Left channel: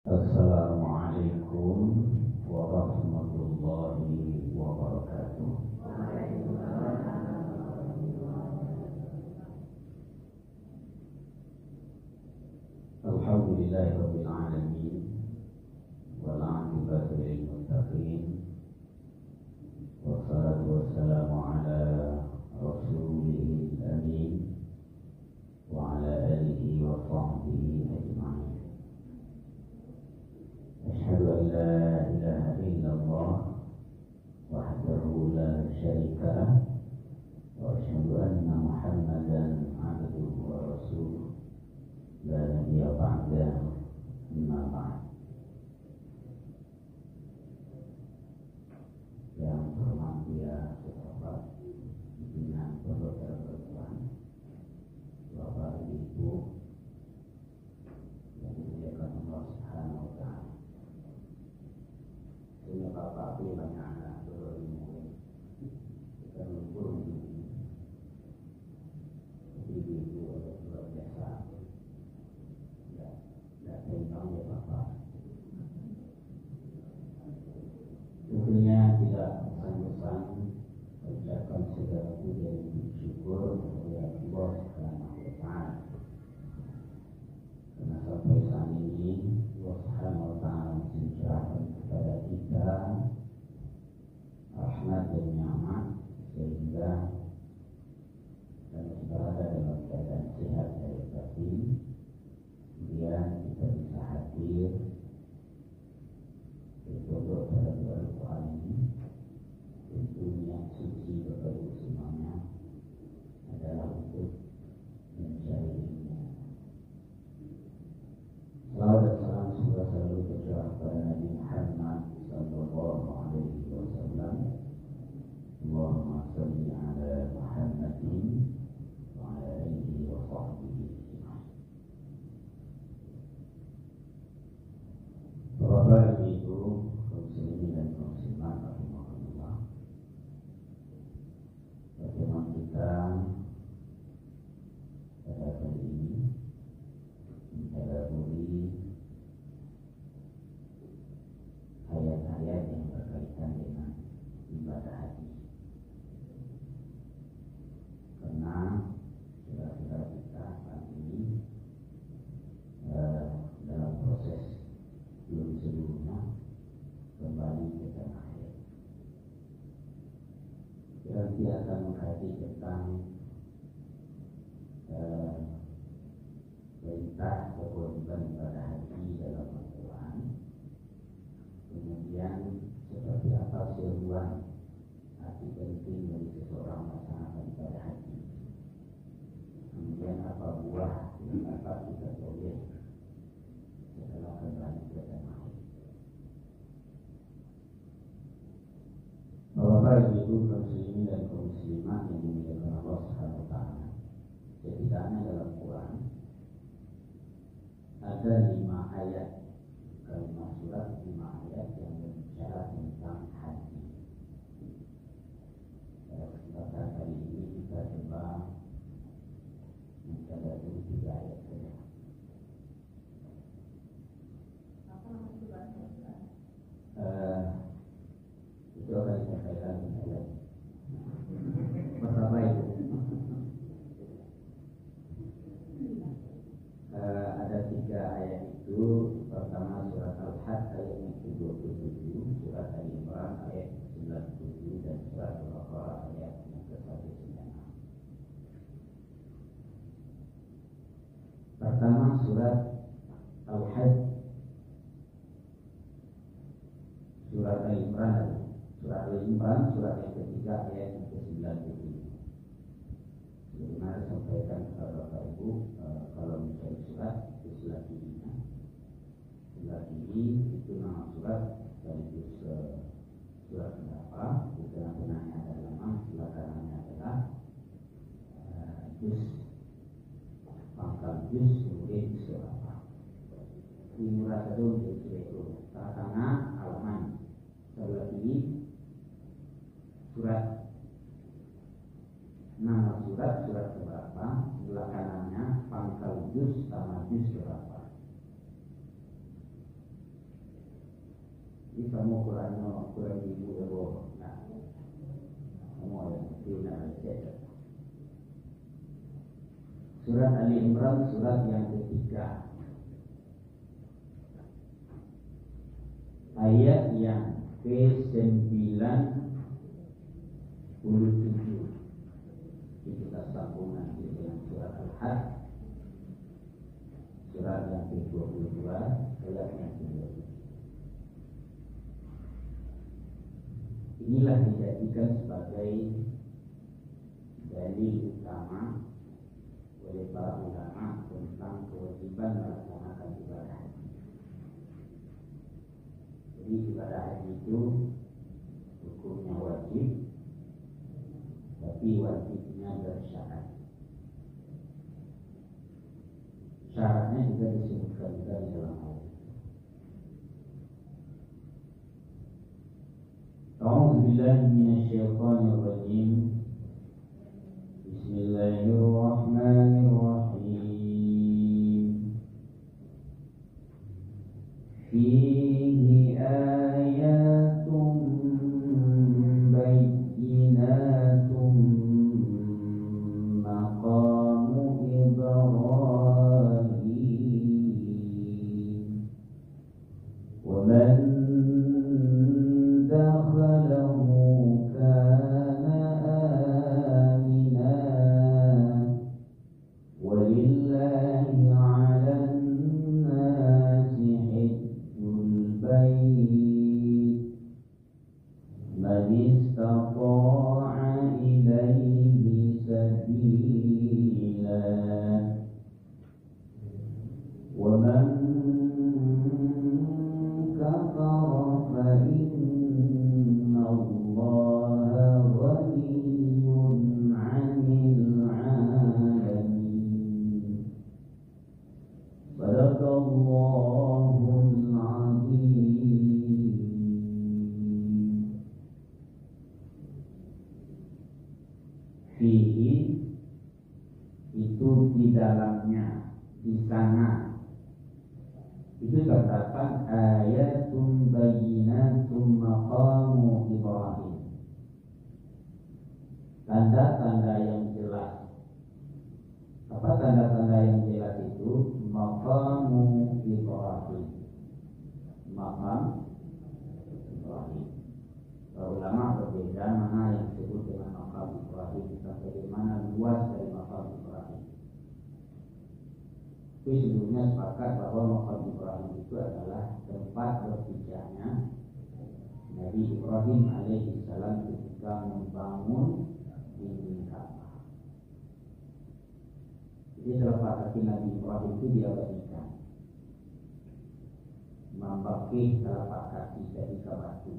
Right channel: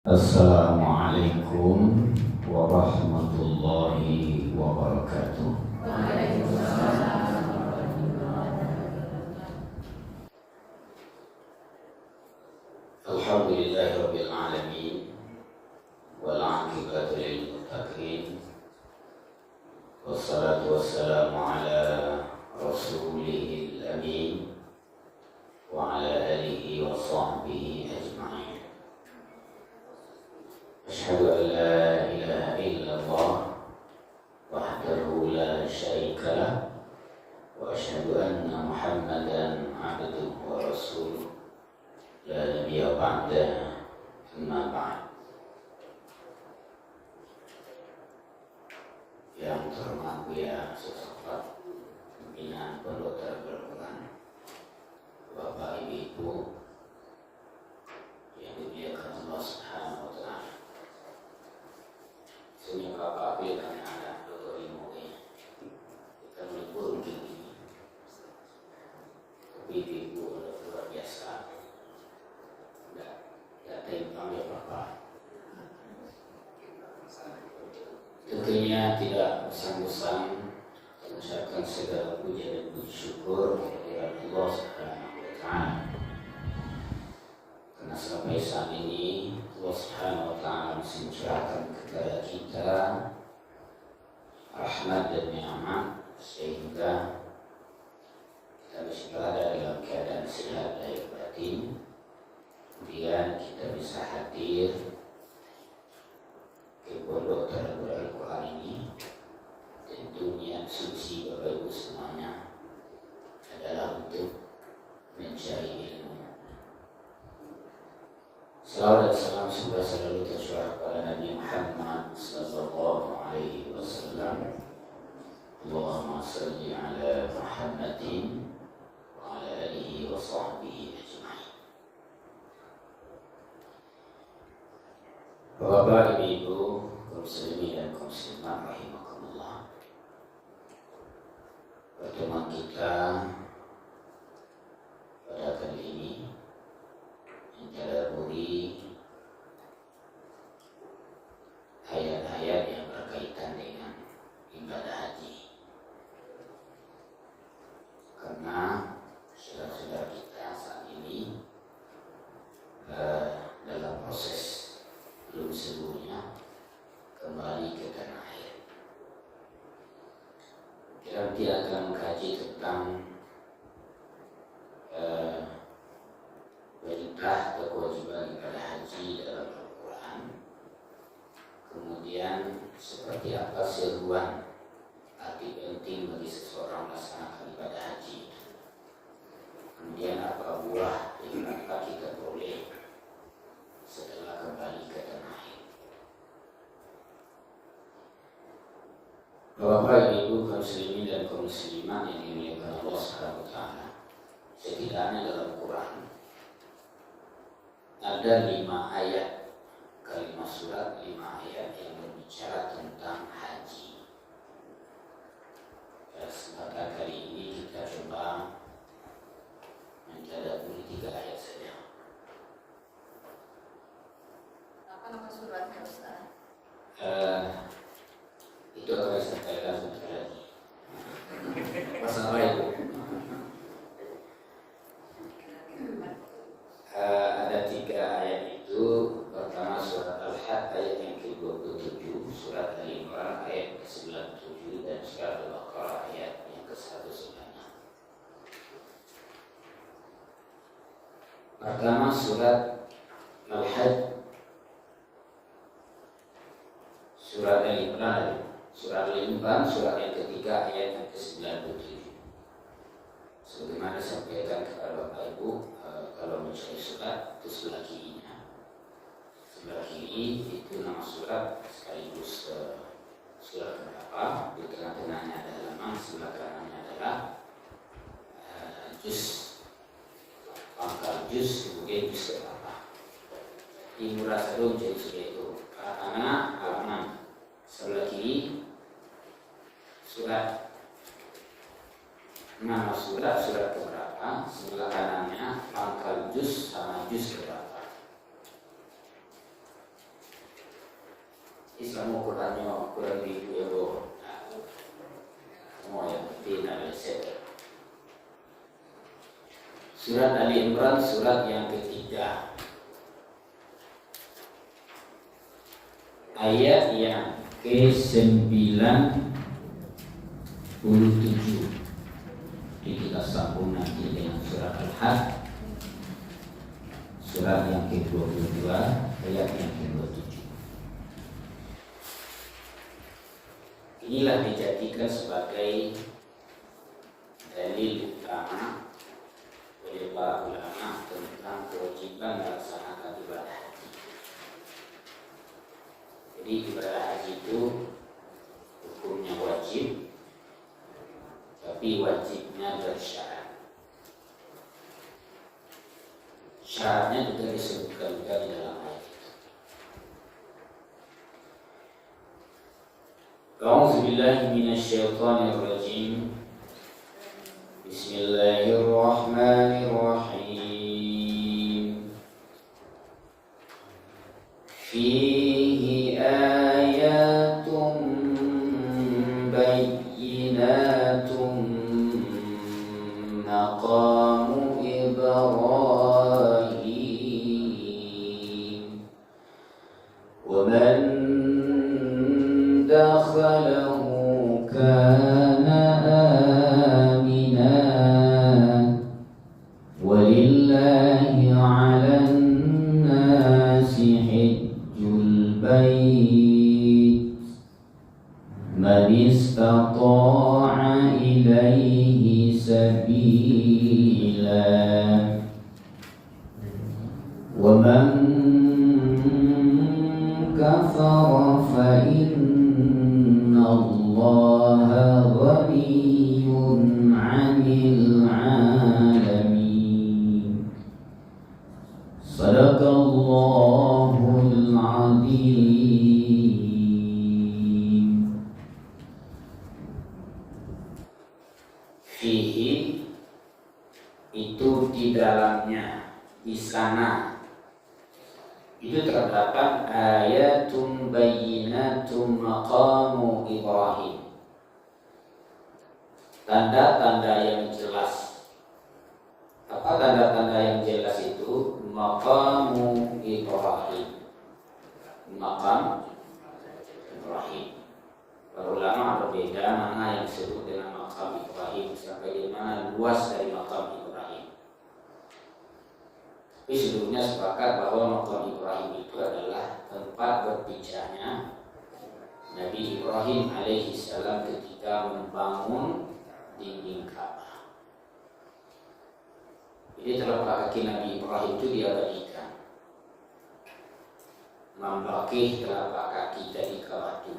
Assalamualaikum warahmatullahi wabarakatuh. Alhamdulillahirabbil alamin wal 'aqibatu lil muttaqin wassalatu wassalamu ala rasulihil amin wa ala alihi wa sahbihi ajma'in. Asyhadu an la ilaha illallah wahdahu la syarika lah wa asyhadu anna Muhammadan abduhu wa rasuluh la nabiyya ba'da amma ba'd. Yang terhormat Buya Sosofat Pimpinan Pondok Darul Quran, Bapak Ibu yang dimuliakan Allah Subhanahu wa taala. Sehingga Bapak bilang anak dulu ini kita melipur mungkin ini, tapi ibu luar biasa, nggak timpang ya Bapak. Tentunya tidak bosan-bosan mengucapkan segala puja dan puji syukur kepada Allah Subhanahu wa taala. Karena sampai saat ini Allah Subhanahu wa taala masih mencurahkan kepada kita rahmat dan nikmat sehingga kita masih berada dalam keadaan sehat lahir batin. Kemudian kita bisa hadir ke Pondok Darul Quran ini. Tentunya suci Bapak Ibu semuanya adalah untuk mencari ilmu. Salawat dan salam semoga selalu tercurah kepada Nabi Muhammad sallallahu alaihi wasallam. Allahumma salli ala Muhammadin wa ala alihi wa sahbihi ajma'in. Bapak, Ibu, kaum muslimin dan kaum muslimat rahimakumullah. Pertemuan kita pada kali ini mentadaburi ayat-ayat yang berkaitan dengan ibadah haji. Karena saudara-saudara kita saat ini dalam proses belum seluruhnya kembali ke tanah air. Kita tidak akan mengkaji tentang perintah atau kewajiban ibadah haji dalam Al-Quran. Kemudian seperti apa seruan arti penting bagi seseorang melaksanakan ibadah haji. Kemudian apa buah yang dapat kita peroleh setelah kembali ke tanah air. Bapak, Ibu, kaum muslimin dan kaum muslimat yang dimuliakan Allah Subhanahu wa taala. Setidaknya dalam Quran ada 5 ayat, kalimat surat 5 ayat yang berbicara tentang haji. Kesempatan kali ini kita coba mentadaburi 3 ayat saja. Apa nama suratnya Ustaz? Itu akan disampaikan sebentar lagi. Wassalamualaikum. Ada 3 ayat itu. Pertama surat Al-Hajj ayat yang ke-27, surat Al-Imran ayat ke-97, dan surat Al-Baqarah ayat yang ke-196. Pertama surat Al-Hajj, surat Al-Imran, surat yang ketiga ayat yang ke-97. Sebagaimana disampaikan kepada Bapak Ibu, kalau mencari surat itu sebelah kirinya. Sebelah kiri itu nama surat sekaligus surat keberapa. Di tengah-tengahnya ada halaman, sebelah kanannya adalah juz, pangkal juz, kemudian juz keberapa. Ini murah satu menjadi surat itu. Karena halaman sebelah kiri surat, nama surat keberapa, sebelah kanannya pangkal juz sama juz keberapa. Islam ukurannya kurang ribu euro. Nah, semua yang tidak leset. Surat Ali Imran surat yang ketiga, ayat yang ke-97. Jadi kita sambung nanti dengan surat Al-Hajj, surat yang ke-22, ayat yang ke-27. Inilah dijadikan sebagai dalil utama oleh para ulama tentang kewajiban melaksanakan ibadah haji. Jadi ibadah haji itu hukumnya wajib, tapi wajibnya bersyarat. Syaratnya juga disebutkan juga di dalam ayat itu. A'udzubillahi minasyaitonirrajim. Bismillahirrahmanirrahim. Fihi ayatun bayyinatun maqamu Ibrahim wa man dakhalahu kana amina walillahi 'alan nasi hajjul bait man istata'a ilaihi sabila wa man kafara fa inna Allaha ghaniyyun 'anil 'alamin. Sadaqallahul 'azim. Fihi itu di dalamnya, di sana itu terdapat ayatun bayyinatun maqamu Ibrahim, tanda-tanda yang jelas. Apa tanda-tanda yang jelas itu? Maqamu Ibrahim, maqam Ibrahim. Para ulama berbeda mana yang disebut dengan maqam Ibrahim, sampai di mana luas dari maqam Ibrahim. Tapi seluruhnya sepakat bahwa maqam Ibrahim itu adalah tempat berpijaknya Nabi Ibrahim alaihi salam ketika membangun dinding Ka'bah. Jadi telapak kaki Nabi Ibrahim itu diabadikan, membakih telapak kaki dari Ka'bah itu.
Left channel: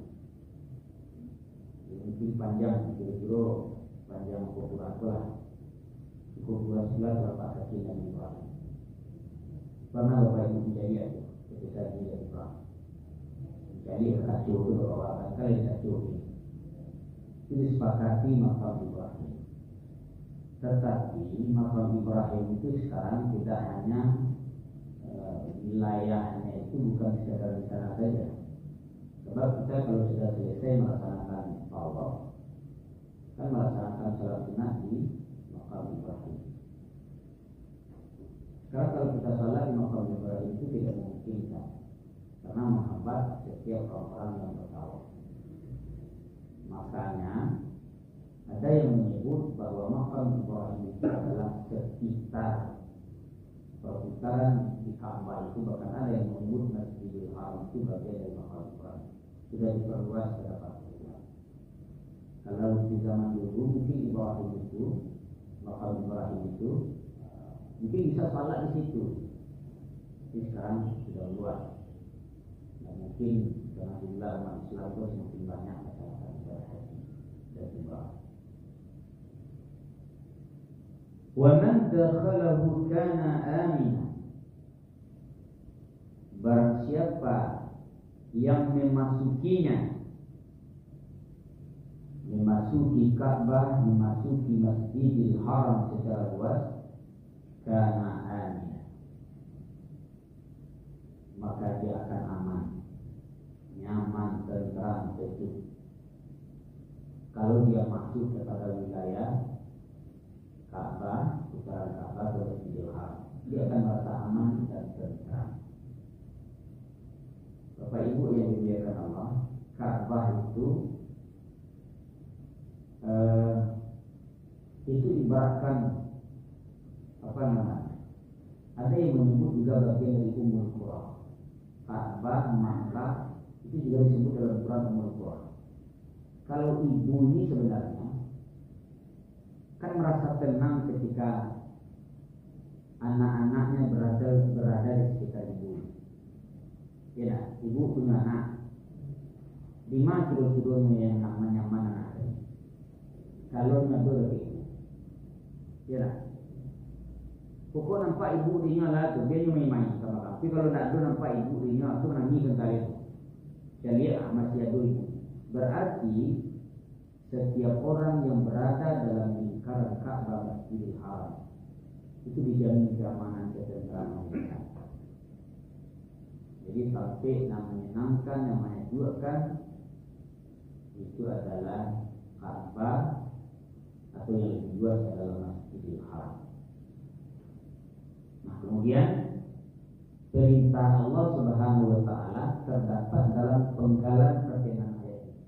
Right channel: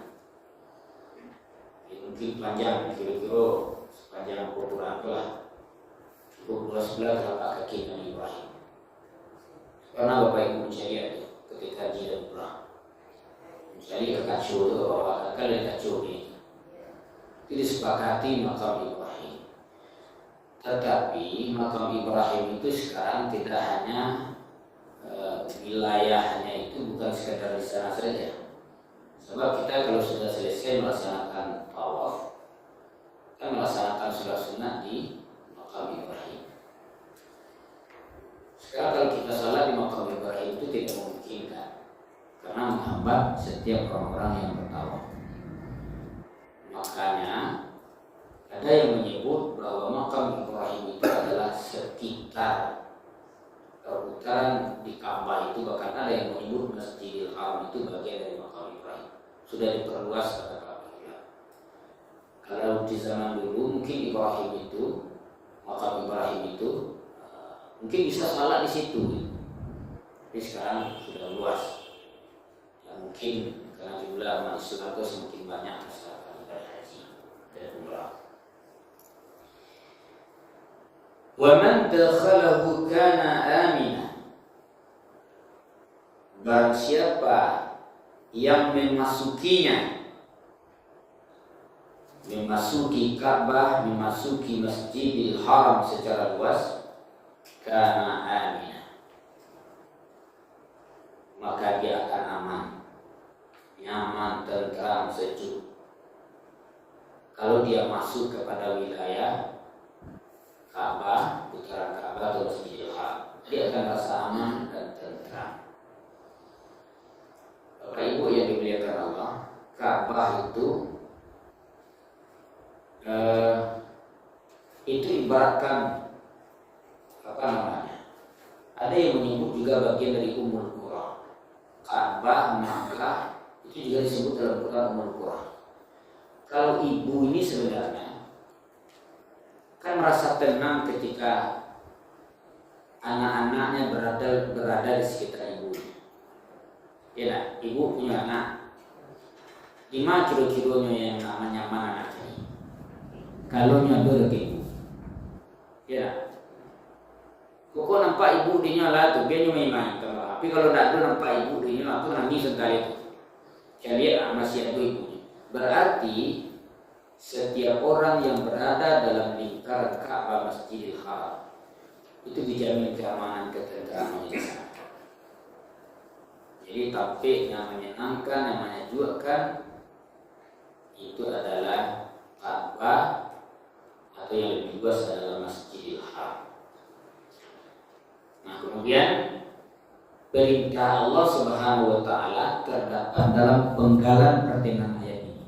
Mungkin panjang, kira-kira sepanjang ukuran lah, cukup luas belah telapak kaki Nabi Ibrahim. Karena Bapak Ibu mencari itu ketika haji dan umrah, mencari ke kacau itu ke bawah, kan dari kacau ini. Itu disepakati makam Ibrahim. Tetapi makam Ibrahim itu sekarang tidak hanya wilayahnya itu bukan sekedar di sana saja. Sebab kita kalau sudah selesai melaksanakan tawaf, kita melaksanakan sholat sunnah di makam Ibrahim. Sekarang kalau kita salat di makam Ibrahim itu tidak memungkinkan, karena menghambat setiap orang-orang yang bertawaf. Makanya ada yang menyebut bahwa makam Ibrahim itu adalah sekitar perputaran di Ka'bah itu. Bahkan ada yang menyebut Masjidil Haram itu bagian dari makam Ibrahim. Sudah diperluas pada para. Kalau di zaman dulu mungkin Ibrahim itu, makam Ibrahim itu mungkin bisa salat di situ. Tapi sekarang sudah luas. Ya mungkin karena jumlah umat Islam itu semakin banyak masyarakat ibadah haji dan umrah. Wa man dakhalahu kana amina. Barang siapa yang memasukinya, memasuki Ka'bah, memasuki Masjidil Haram secara luas, kana amina, maka dia akan aman, nyaman, nyaman, tentram, sejuk. Kalau dia masuk kepada wilayah Ka'bah, putaran Ka'bah atau Masjidil Haram, dia akan rasa aman dan tentram. Bapak Ibu yang dimuliakan Allah, Ka'bah itu ibaratkan apa namanya? Ada yang menyebut juga bagian dari Ummul Qura. Ka'bah, Makkah itu juga disebut dalam Quran Ummul Qura. Kalau ibu ini sebenarnya kan merasa tenang ketika anak-anaknya berada di sekitar ibu. Ya, ibu punya anak. Di mana kira-kiranya yang nyaman anak ini? Kalau nyodor ke ibu, ya. Kok nampak ibu dinya lah tu, dia cuma main. Tapi kalau tak ada nampak ibu dinya, aku nangis sekali tu. Saya lihat masih ada ibu. Berarti setiap orang yang berada dalam lingkaran Ka'bah Masjidil Haram itu dijamin keamanan, ketentraman di sana. Jadi tampaknya menyenangkan, yang menyejukkan itu adalah Ka'bah atau yang lebih luas adalah Masjidil Haram. Nah, kemudian perintah Allah Subhanahu wa taala terdapat dalam penggalan pertengahan ayat ini.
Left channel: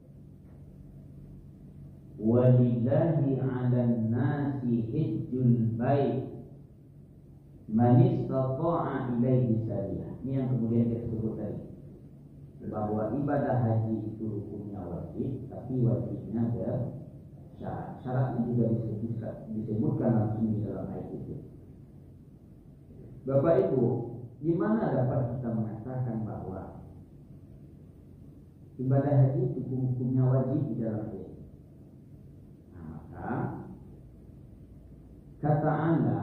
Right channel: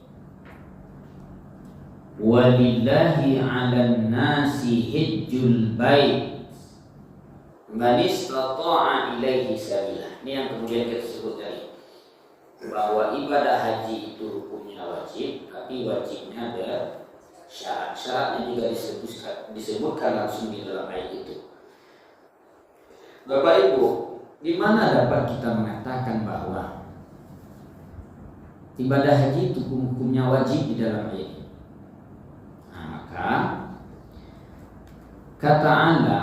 Walillahi 'alan nasi hajjul bait man istata'a ilaihi sabila. Ini yang kemudian kita sebut tadi, bahwa ibadah haji itu hukumnya wajib, tapi wajibnya ada syarat. Syaratnya juga disebutkan langsung di dalam ayat itu. Bapak Ibu, di mana dapat kita mengatakan bahwa ibadah haji itu hukumnya wajib di dalam ayat ini? Nah, maka kata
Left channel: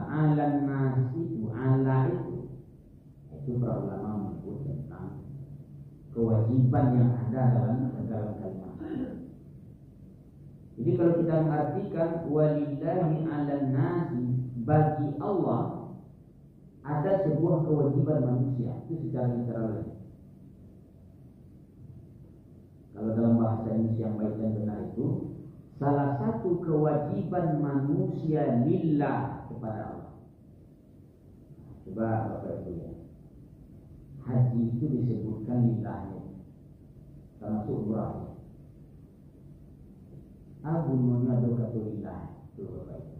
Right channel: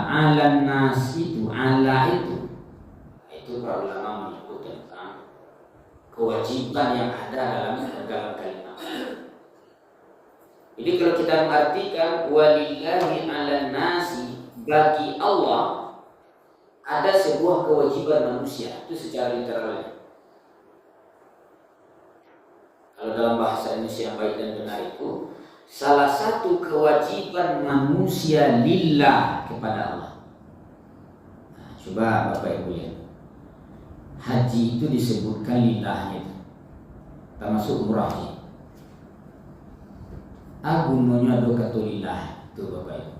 ala nas itu, ala itu para ulama menyebut tentang kewajiban yang ada dalam kalimat. Jadi kalau kita mengartikan walillahi 'alan nasi, bagi Allah ada sebuah kewajiban manusia, itu secara literalnya. Kalau dalam bahasa Indonesia yang baik dan benar itu, salah satu kewajiban manusia lillah kepada Allah. Nah, coba Bapak Ibu lihat, haji itu disebutkan lillahnya, termasuk umrahnya. Agunnya do katulillah itu Bapak Ibu,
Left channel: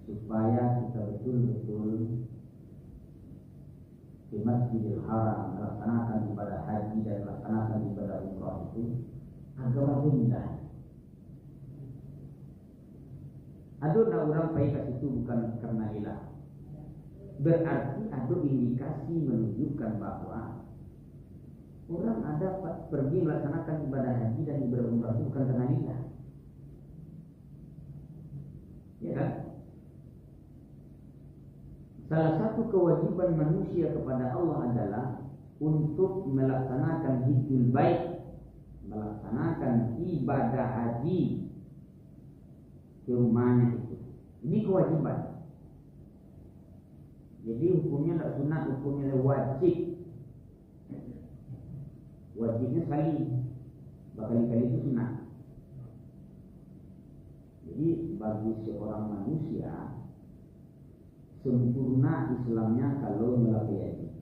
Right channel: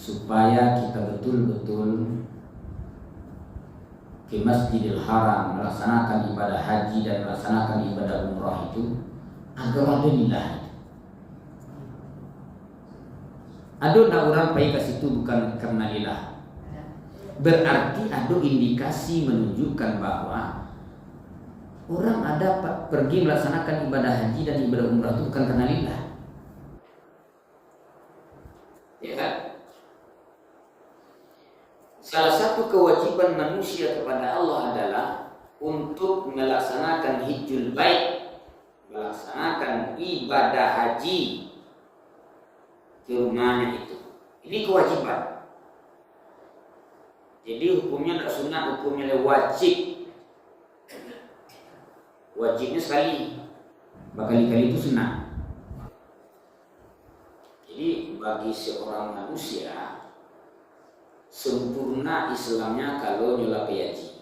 supaya kita betul-betul ke Masjidil Haram melaksanakan ibadah haji dan melaksanakan ibadah umrah itu agar ada lillah. Ada nak orang pergi ke situ bukan karena lillah, berarti ada indikasi menunjukkan bahwa orang ada pergi melaksanakan ibadah haji dan ibadah umrah itu bukan karena lillah. Ya kan? Salah satu kewajiban manusia kepada Allah adalah untuk melaksanakan hijjul bait, melaksanakan ibadah haji ke rumahnya itu. Ini kewajiban. Jadi hukumnya tidak sunat, hukumnya wajib. Wajibnya sekali, berkali-kali itu sunat. Jadi bagi seorang manusia sempurna Islamnya kalau nyolak haji.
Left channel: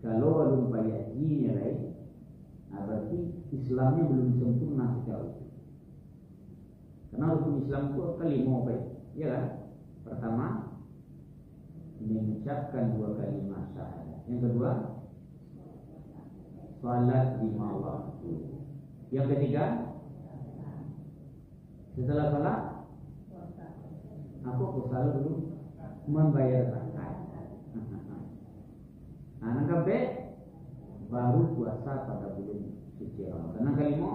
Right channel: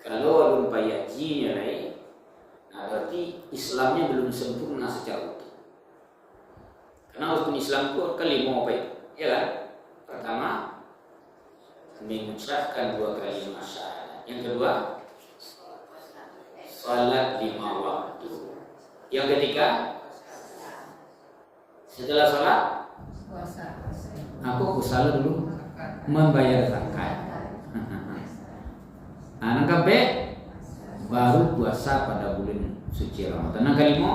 Kalau belum haji nyolai, nah berarti Islamnya belum sempurna secara utuh. Karena rukun Islam itu kan 5 apa itu? Ya kan? Pertama, mengucapkan 2 kalimat syahadat. Yang kedua, salat 5 waktu. Yang ketiga, setelah salat, aku salat dulu membayar zakat. Anak kabe baru puasa pada bulan suci Ramadan. Yang kelima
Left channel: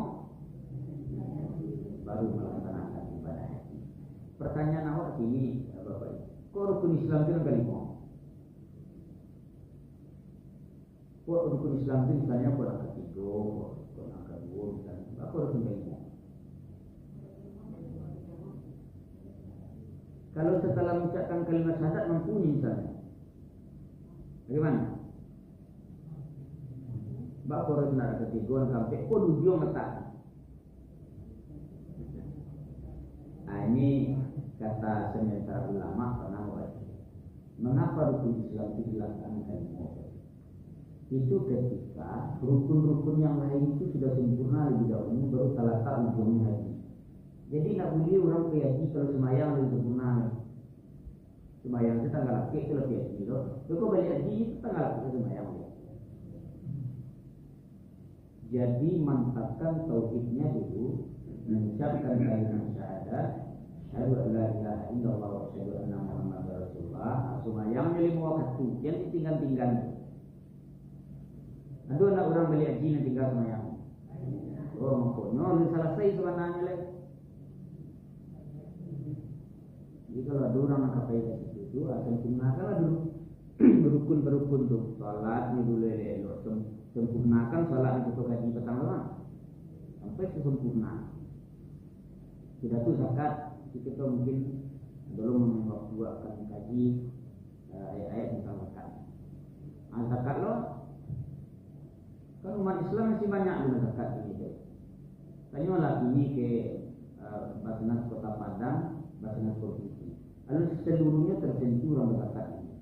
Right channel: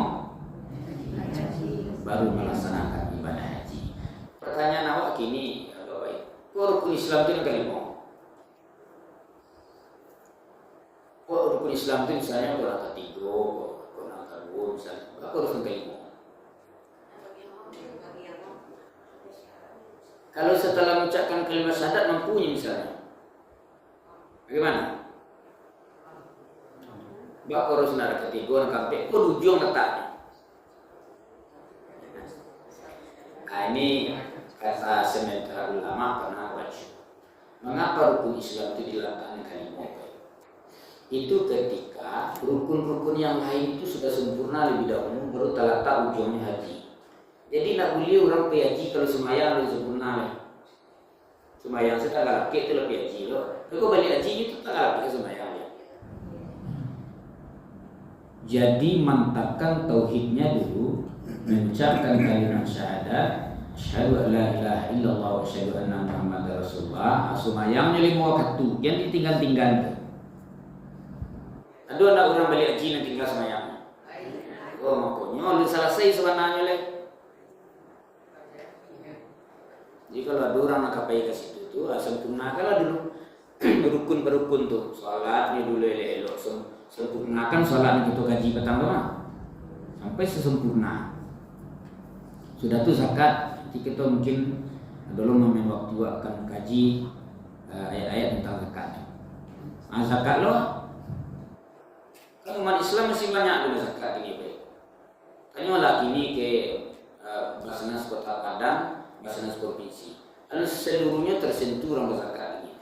baru melaksanakan ibadah haji. Pertanyaan awak kini, Bapak, kok rukun Islam itu yang kelima? Kok rukun Islam itu misalnya kurang ketiga, kurang kedua, misalnya apa rukun kelima? Kalau setelah mengucapkan kalimat syahadat mampunya misalnya, bagaimana? Mbak harus nak ketiga nak sampai kau ujung letaknya. Nah ini kata sementara ulama pernah baca. Mengapa rukun Islam itu dilakukan kalimat? Itu ketika rukun-rukun yang lain itu sudah sempurna lebih dahulu baru terletak ujungnya haji. Jadi nak boleh orang pergi haji kalau semayang lebih sempurna. Semayang setengah laki itu lebih haji loh. Kalau balik haji itu setengah laki semayang. Jadi mantapkan tauhidnya dulu, mengucapkan kalimat syahadat, asyhadu an la ilaha illallah wa asyhadu anna muhammadar rasulullah. Semayangnya 5 waktu, yang ditinggal-tinggal. Ada anak orang balik haji yang tinggal semayang. Oh makanya lu selesai sebenarnya leh. Jadi kalau ada orang nak kapai ke situ tu, sempurnakanlah dulu berukun tuh. Salatnya dulu elok, sempurnakan salat kita gaji petang doang sampai sesempurna. Sudah tuh zakat, jadi kita mungkin dulu main waktu akan kaji ayat-ayat tentang zakat. Zakat lo, kan umat Islam masih banyak dulu zakat ini baik. Tanya lagi ini ke Basnas Kota Padang, Basnas Provinsi. Lalu seluruhnya tersentuh orang berzakat ini.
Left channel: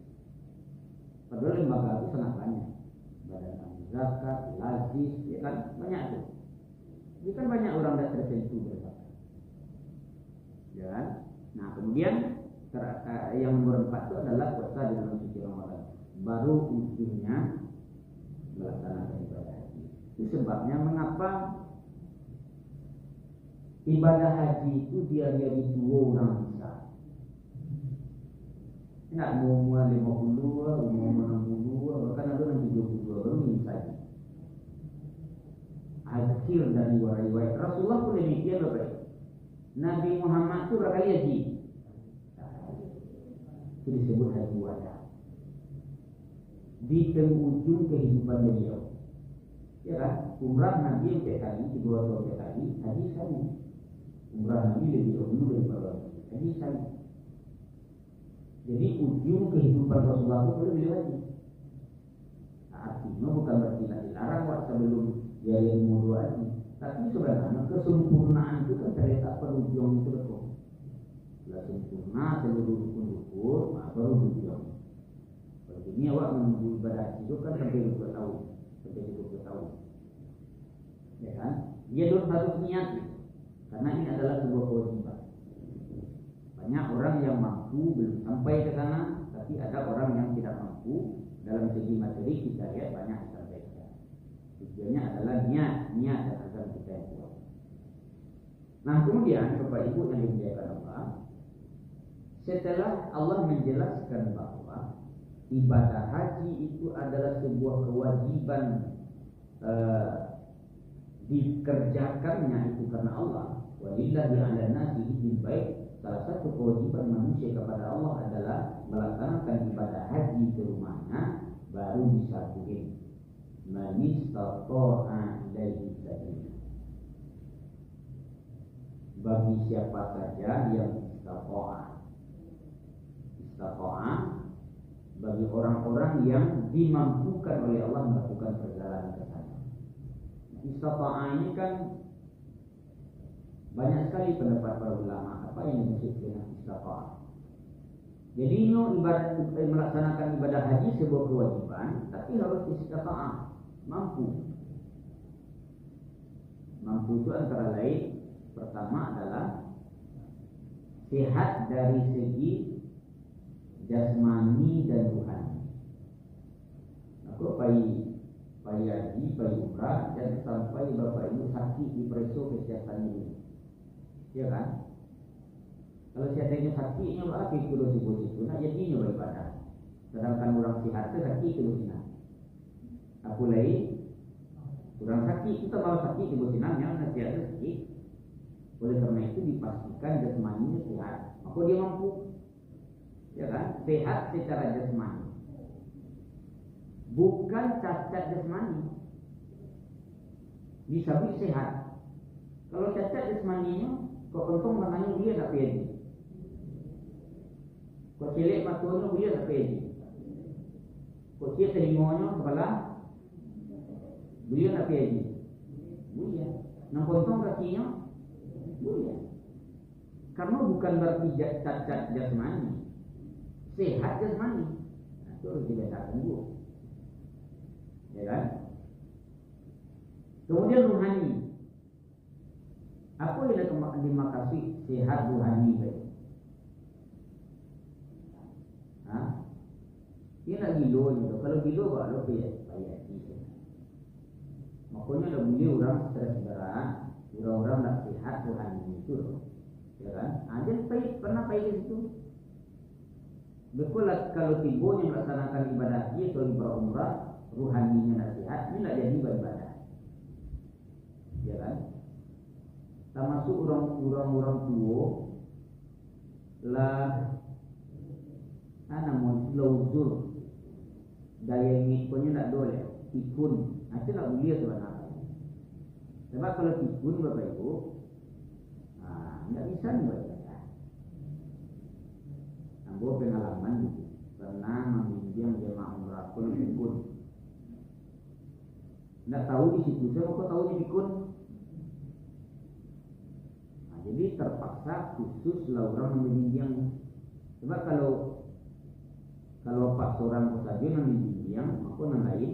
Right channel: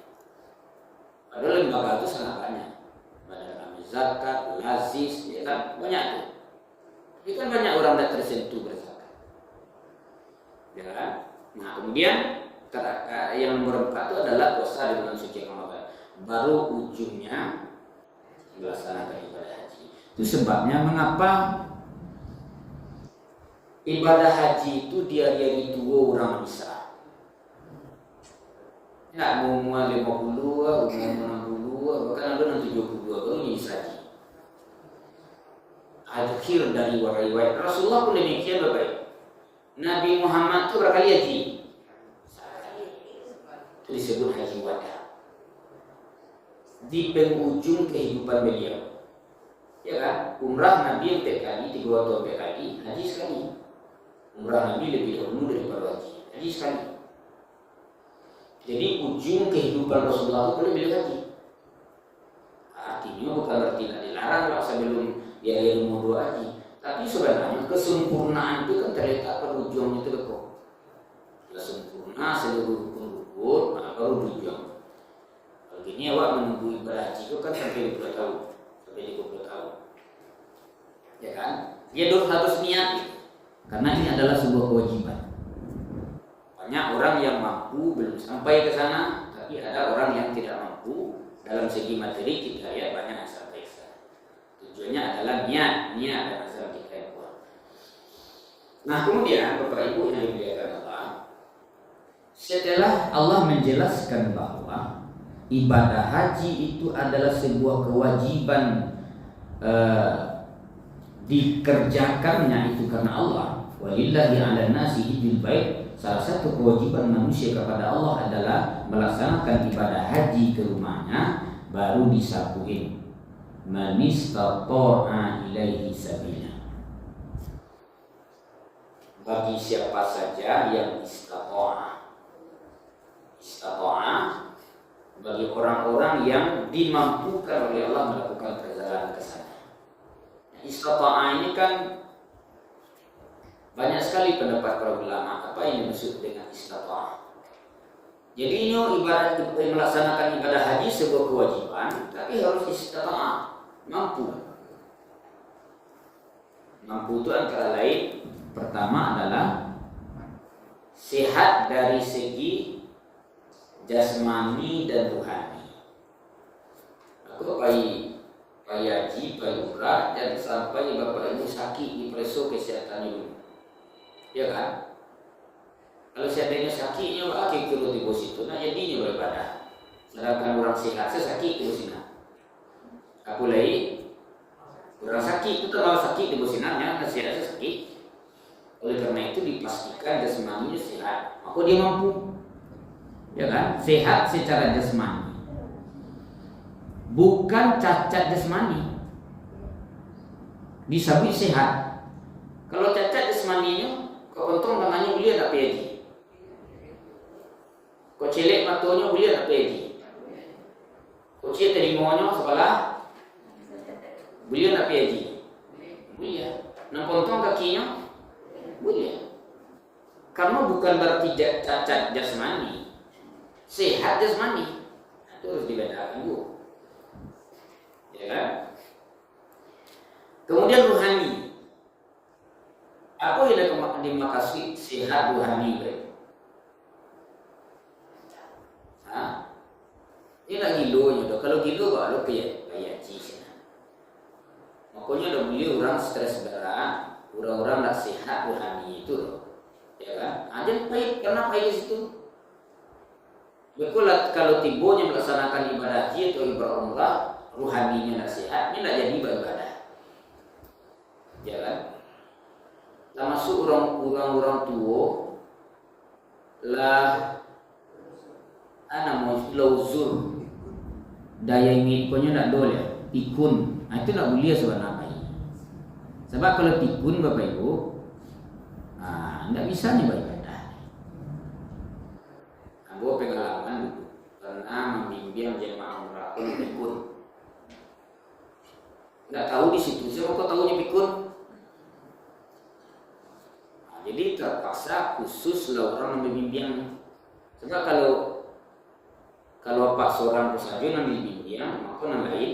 Padahal lembaga itu sangat banyak. Badan Amil Zakat, Lazis, ya kan banyak tuh. Tapi kan banyak orang yang tersentuh berzakat. Ya kan? Nah kemudian yang nomor 4 itu adalah puasa di bulan suci Ramadan. Baru ujungnya melaksanakan ibadah haji. Itu sebabnya mengapa ibadah haji itu di hari tua orang bisa. Ya, umur 50, umur 60, bahkan ada yang 72 baru bisa haji. Akhir dari riwayat Rasulullah pun demikian Bapak. Nabi Muhammad itu berapa kali haji? Sekali. Itu disebut haji wada. Di penghujung kehidupan beliau. Ya kan? Umrah Nabi 4 kali, 3 atau 4 kali, haji sekali. Umrah Nabi lebih dahulu daripada haji sekali. Jadi ujung kehidupan Rasulullah itu boleh beliau haji. Artinya bukan berarti tidak dilarang lah sebelum dia umur 2 haji. Tapi sebenarnya kesempurnaan itu kan terletak pada ujungnya itu kok. Sudah sempurna seluruh rukun, baru ujung. Kalau gini awak menunggu ibadah haji itu kan sampai 20 tahun, sampai 20 tahun. Ya kan? Dia harus niat gitu. Karena ini adalah sebuah kewajiban. Banyak orang yang mampu belum sampai ke sana, tapi ada orang yang tidak mampu. Dalam segi materi kita lihat banyak yang sampai ke sana. Tujuannya adalah niat dan asal kita yang kuat. Nah kemudian Bapak Ibu yang dimuliakan Allah, setelah Allah menjelaskan bahwa ibadah haji itu adalah sebuah kewajiban dikerjakannya itu karena Allah. Walillahi 'alan nasi hijjul bait. Salah satu kewajiban manusia kepada Allah adalah melaksanakan ibadah haji ke rumahnya, baru disabuhin man istata'a ilaihi sabila. Bagi siapa saja yang istata'a bagi orang-orang yang dimampukan oleh Allah melakukan perjalanan ke sana. Istata'a ini kan banyak sekali pendapat para ulama apa yang dimaksud dengan istata'a. Jadi ini melaksanakan ibadah haji sebuah kewajiban, tapi harus istata'a, mampu. Mampu itu antara lain pertama adalah sehat dari segi jasmani dan rohani. Aku haji, umrah dan sampai bapak ibu sakit diperiksa kesehatannya dulu. Ya kan? Kalau seandainya sakitnya akhir turun di situ, nah jadinya beribadah. Sedangkan orang sehat sakit di sini. Aku lagi orang sakit itu terlalu sakit di bosinannya, sehat sakit. Oleh karena itu dipastikan jasmaninya sehat, maka dia mampu. Ya kan? Sehat secara jasmani. Bukan cacat jasmani. Disabit sehat. Kalau cacat jasmaninya, kok untung tangannya boleh tak pergi. Kok celek matanya boleh tak pergi. Kok celek telinganya sebelah Boleh nak pergi haji? Boleh. Nak potong kakinya? Boleh. Karena bukan berarti cacat jasmani, sehat jasmani. Itu harus dibedakan dulu. Ya kan? Kemudian rohani. Apa yang dimaksud sehat rohani? Hah? Ini nak gilo je. Kalau gilo kalau kayak cik. Makanya ada boleh orang stres berat, orang-orang nak sehat rohani itu, ya kan? Ada baik karena baik di situ. Betul kalau tibonya melaksanakan ibadah haji atau ibadah umrah, rohaninya nak sehat, ini nak jadi ibadah, ya kan? Termasuk orang tua lah, mau lauzur daya ingin punya nak dole pikun. Itu nak boleh sebenarnya. Sebab kalau pikun Bapak Ibu, tidak bisa nih beribadah. Aku pengalaman dulu pernah membimbing jemaah umrah pikun. Tidak tahu di situ, siapa tahunya pikun. Jadi terpaksa khusus lah orang membimbing. Sebab kalau Pak seorang saja yang membimbing, maka yang lain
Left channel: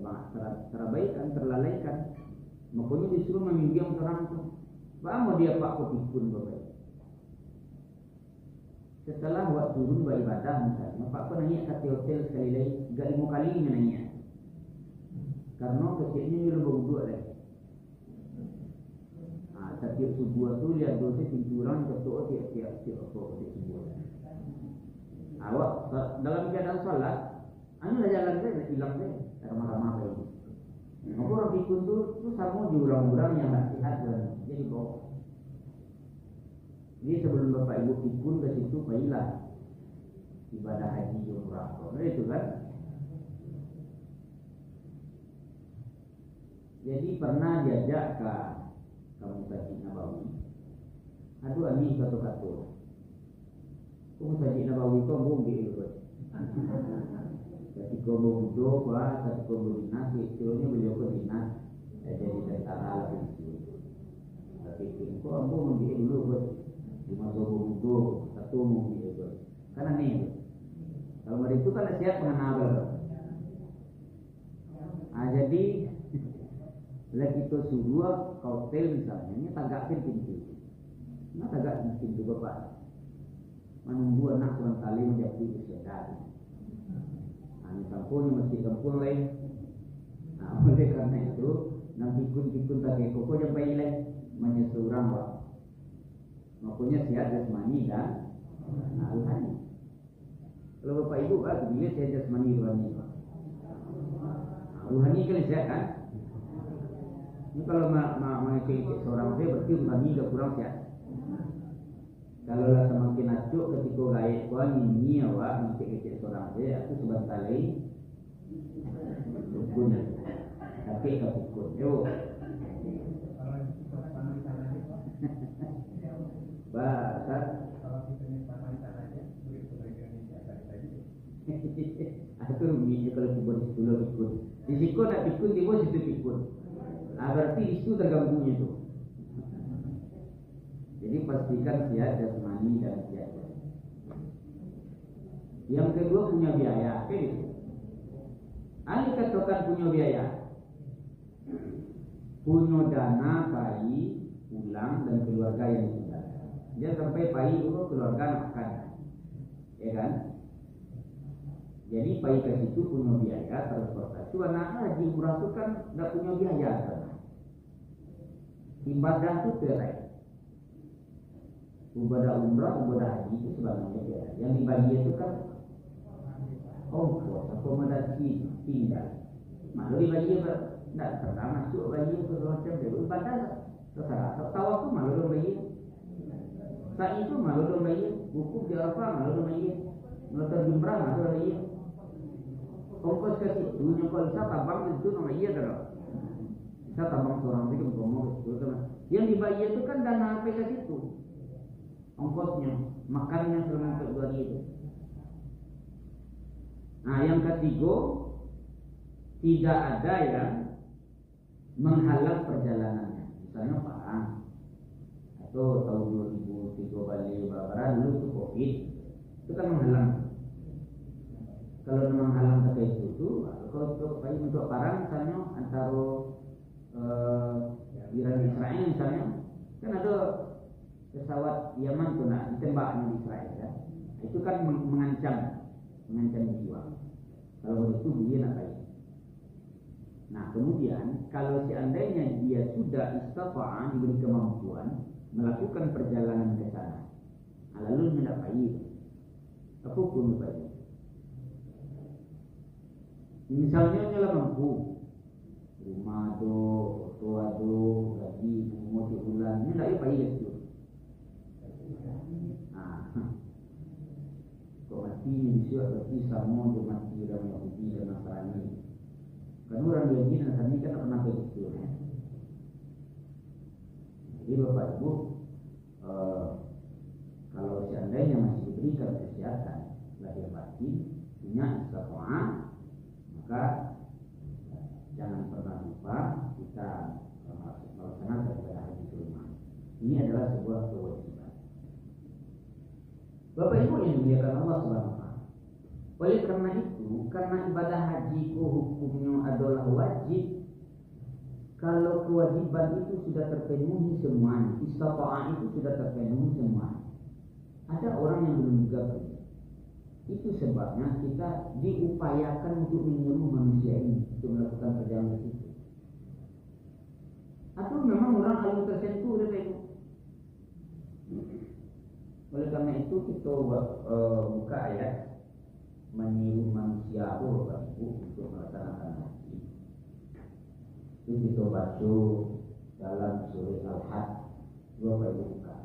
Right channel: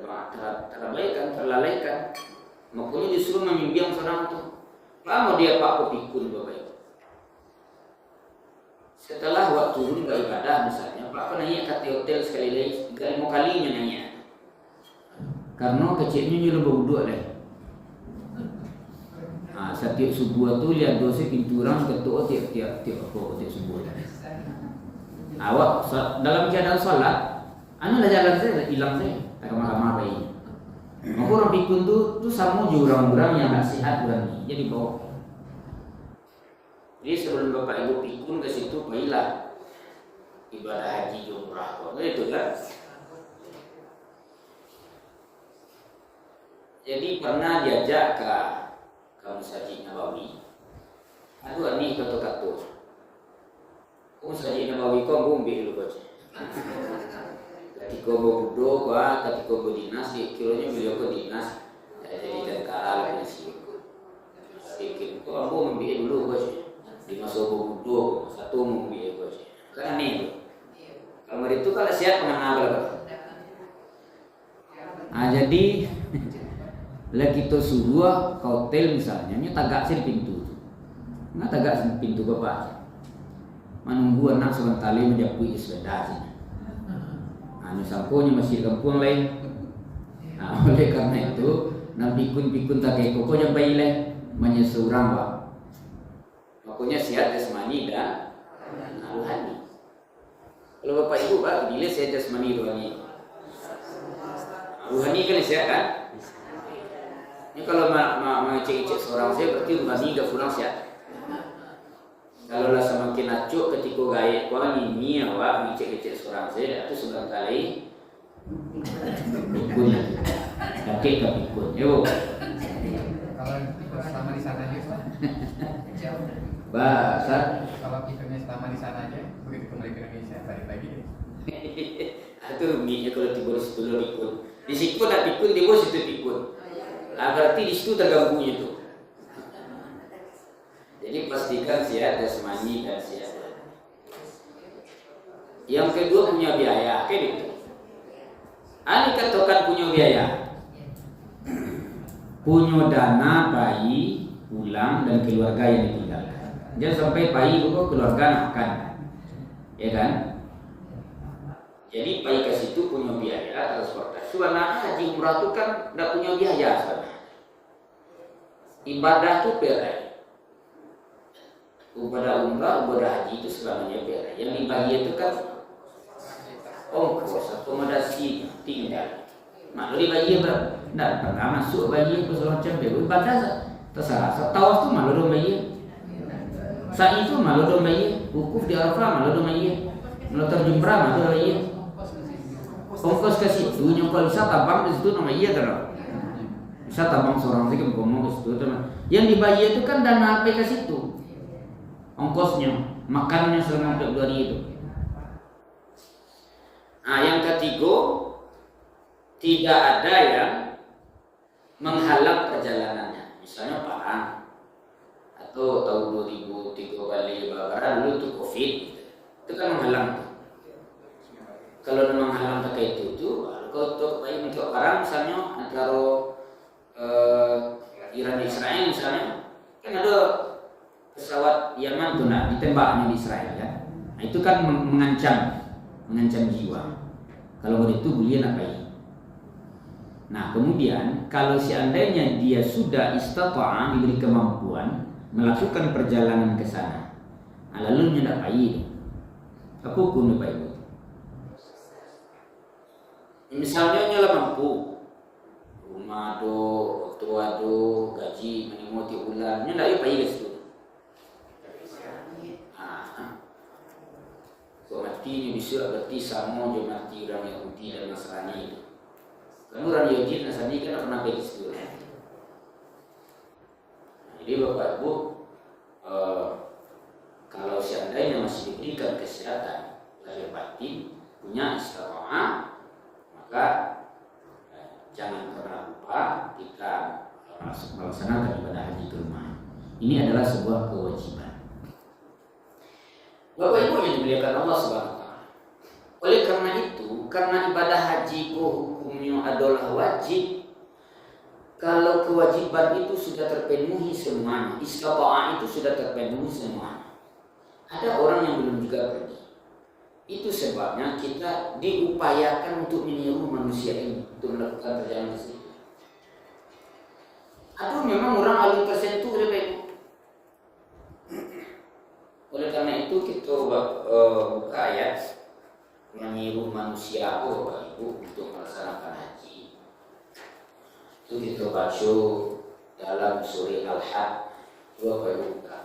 terabaikan, terlalaikan. Makanya disuruh membimbing seorang itu. Lama dia Pak Pikun Bapak Ibu. Setelah waktu turun beribadah misalnya, Pak nanya kat hotel sekali lagi, 5 kalinya nanya. Karena kecilnya nyuruh berwuduk deh. Setiap subuh tu lihat dosa pintu orang ketuk tiap subuh. Awak dalam keadaan salat, anu lah jalan saya hilang saya, ramah-ramah bayi. Maka orang pikun tu sama juga orang-orang yang tak sihat berani, jadi bawa. Jadi sebelum Bapak Ibu pikun ke situ, baiklah ibadah haji umrah, itu kan? Jadi pernah diajak ke Masjid Nabawi. Aduh ni kata-kata. Masjid Nabawi kau bombe dulu baca. Ketika bodoh kau, ketika berdinas, kiranya beliau ke dinas jadi tentara lagi sih. Bikin kau ambo membiak dulu baca. Di masa bodoh satu membiak baca. Karena ni. Kalau hari itu kalau siap mengenal. Jadi lah kita suruh ke hotel misalnya, ni tagak sih pintu. Nggak tagak sih pintu bapak. Menunggu anak sebentar lagi menjapui sepeda sih. Anu samponya masih kampung lain. Oleh karena itu, nak pikun tak kayak koko yang bayi lah, menyesurang pak. Makanya sihat jasmani dan rohani. Kalau bapak ibu pak, bila sihat jasmani rohani. Rohani kan sihat kan? Ini kalau mengecek-cek seorang saya berarti rohani gak kurang sihat. Kalau lah semakin acuk ketika gaya kau ini awak mengecek-cek seorang saya itu sebenarnya pikun lagi. Kakek tak pikun. Yo. Kalau ikut selama di sana aja, Bahasa. Kalau ikutnya selama di sana aja, begitu kembali ke Indonesia balik lagi deh. Itu minyak kalau tiba di situ pikun. Di situ nak pikun, tiba situ pikun. Berarti di situ tergabungnya itu. Jadi pastikan sihat jasmani dan sihat. Yang kedua punya biaya, kayak gitu. Ani katakan punya biaya, punya dana bayi pulang dan keluarga yang ditinggalkan. Jangan sampai bayi itu keluarga makan, ya kan? Jadi bayi ke situ punya biaya transportasi. Sebenarnya haji umrah itu kan tidak punya biaya sebenarnya. Ibadah itu perai. Ibadah umrah, ibadah haji itu sebenarnya perai. Yang dibagi itu kan ongkos, akomodasi, tinggal. Malu dibagi berapa? Tidak pernah masuk bagi ke macam itu. Ibadah terserah. Tawaf tu malu dong bagi. Sa'i itu malu dong bagi. Wukuf di Arafah malu dong bagi. Melontar jumrah malu dong bagi. Ongkos ke situ, nyokol bisa tabang di situ nama iya kan? Bisa tabang seorang sih ngomong ke situ teman. Yang dibayar itu kan dana apa ke situ? Ongkosnya, makannya selama 2 hari itu. Nah, yang ketiga tidak ada yang menghalang perjalanannya. Misalnya perang atau tahun 2003 kali Babara dulu tuh Covid, itu kan menghalang. Kalau memang halang pakai itu, kalau untuk untuk perang misalnya antara Iran dan Israel misalnya, kan ada pesawat Yaman tuh ditembaknya di Israel ya. Nah, itu kan mengancam jiwa. Kalau begitu beliau ngapain? Nah kemudian kalau seandainya dia sudah istata'a, diberi kemampuan melakukan perjalanan ke sana, nah, lalu dia tidak baik, apa hukumnya baik? Misalnya nyala mampu, rumah do, tua do, gaji minimum 3 bulan, dia tidak baik ke situ. Kok mati ini bisa berarti sama je mati orang Yahudi dan Nasrani. Karena orang Yahudi dan Nasrani kan pernah pergi situ. Jadi Bapak Ibu, kalau seandainya masih diberikan kesehatan lahir batin, punya istiqomah, maka jangan pernah lupa kita melaksanakan ibadah haji ke rumah. Ini adalah sebuah kewajiban. Bapak Ibu yang dimuliakan Allah Subhanahu wa taala. Oleh karena itu, karena ibadah haji hukumnya adalah wajib, kalau kewajiban itu sudah terpenuhi semuanya, istata'ah itu sudah terpenuhi semuanya, ada orang yang belum juga pergi. Itu sebabnya kita diupayakan untuk meniru manusia ini untuk melakukan perjalanan ke situ. Atau memang orang alim tersentuh oleh Bapak Ibu. Oleh karena itu kita buka ayat meniru manusia Bapak Ibu untuk melaksanakan haji. Itu kita baca dalam surah Al-Hajj. Bapak Ibu buka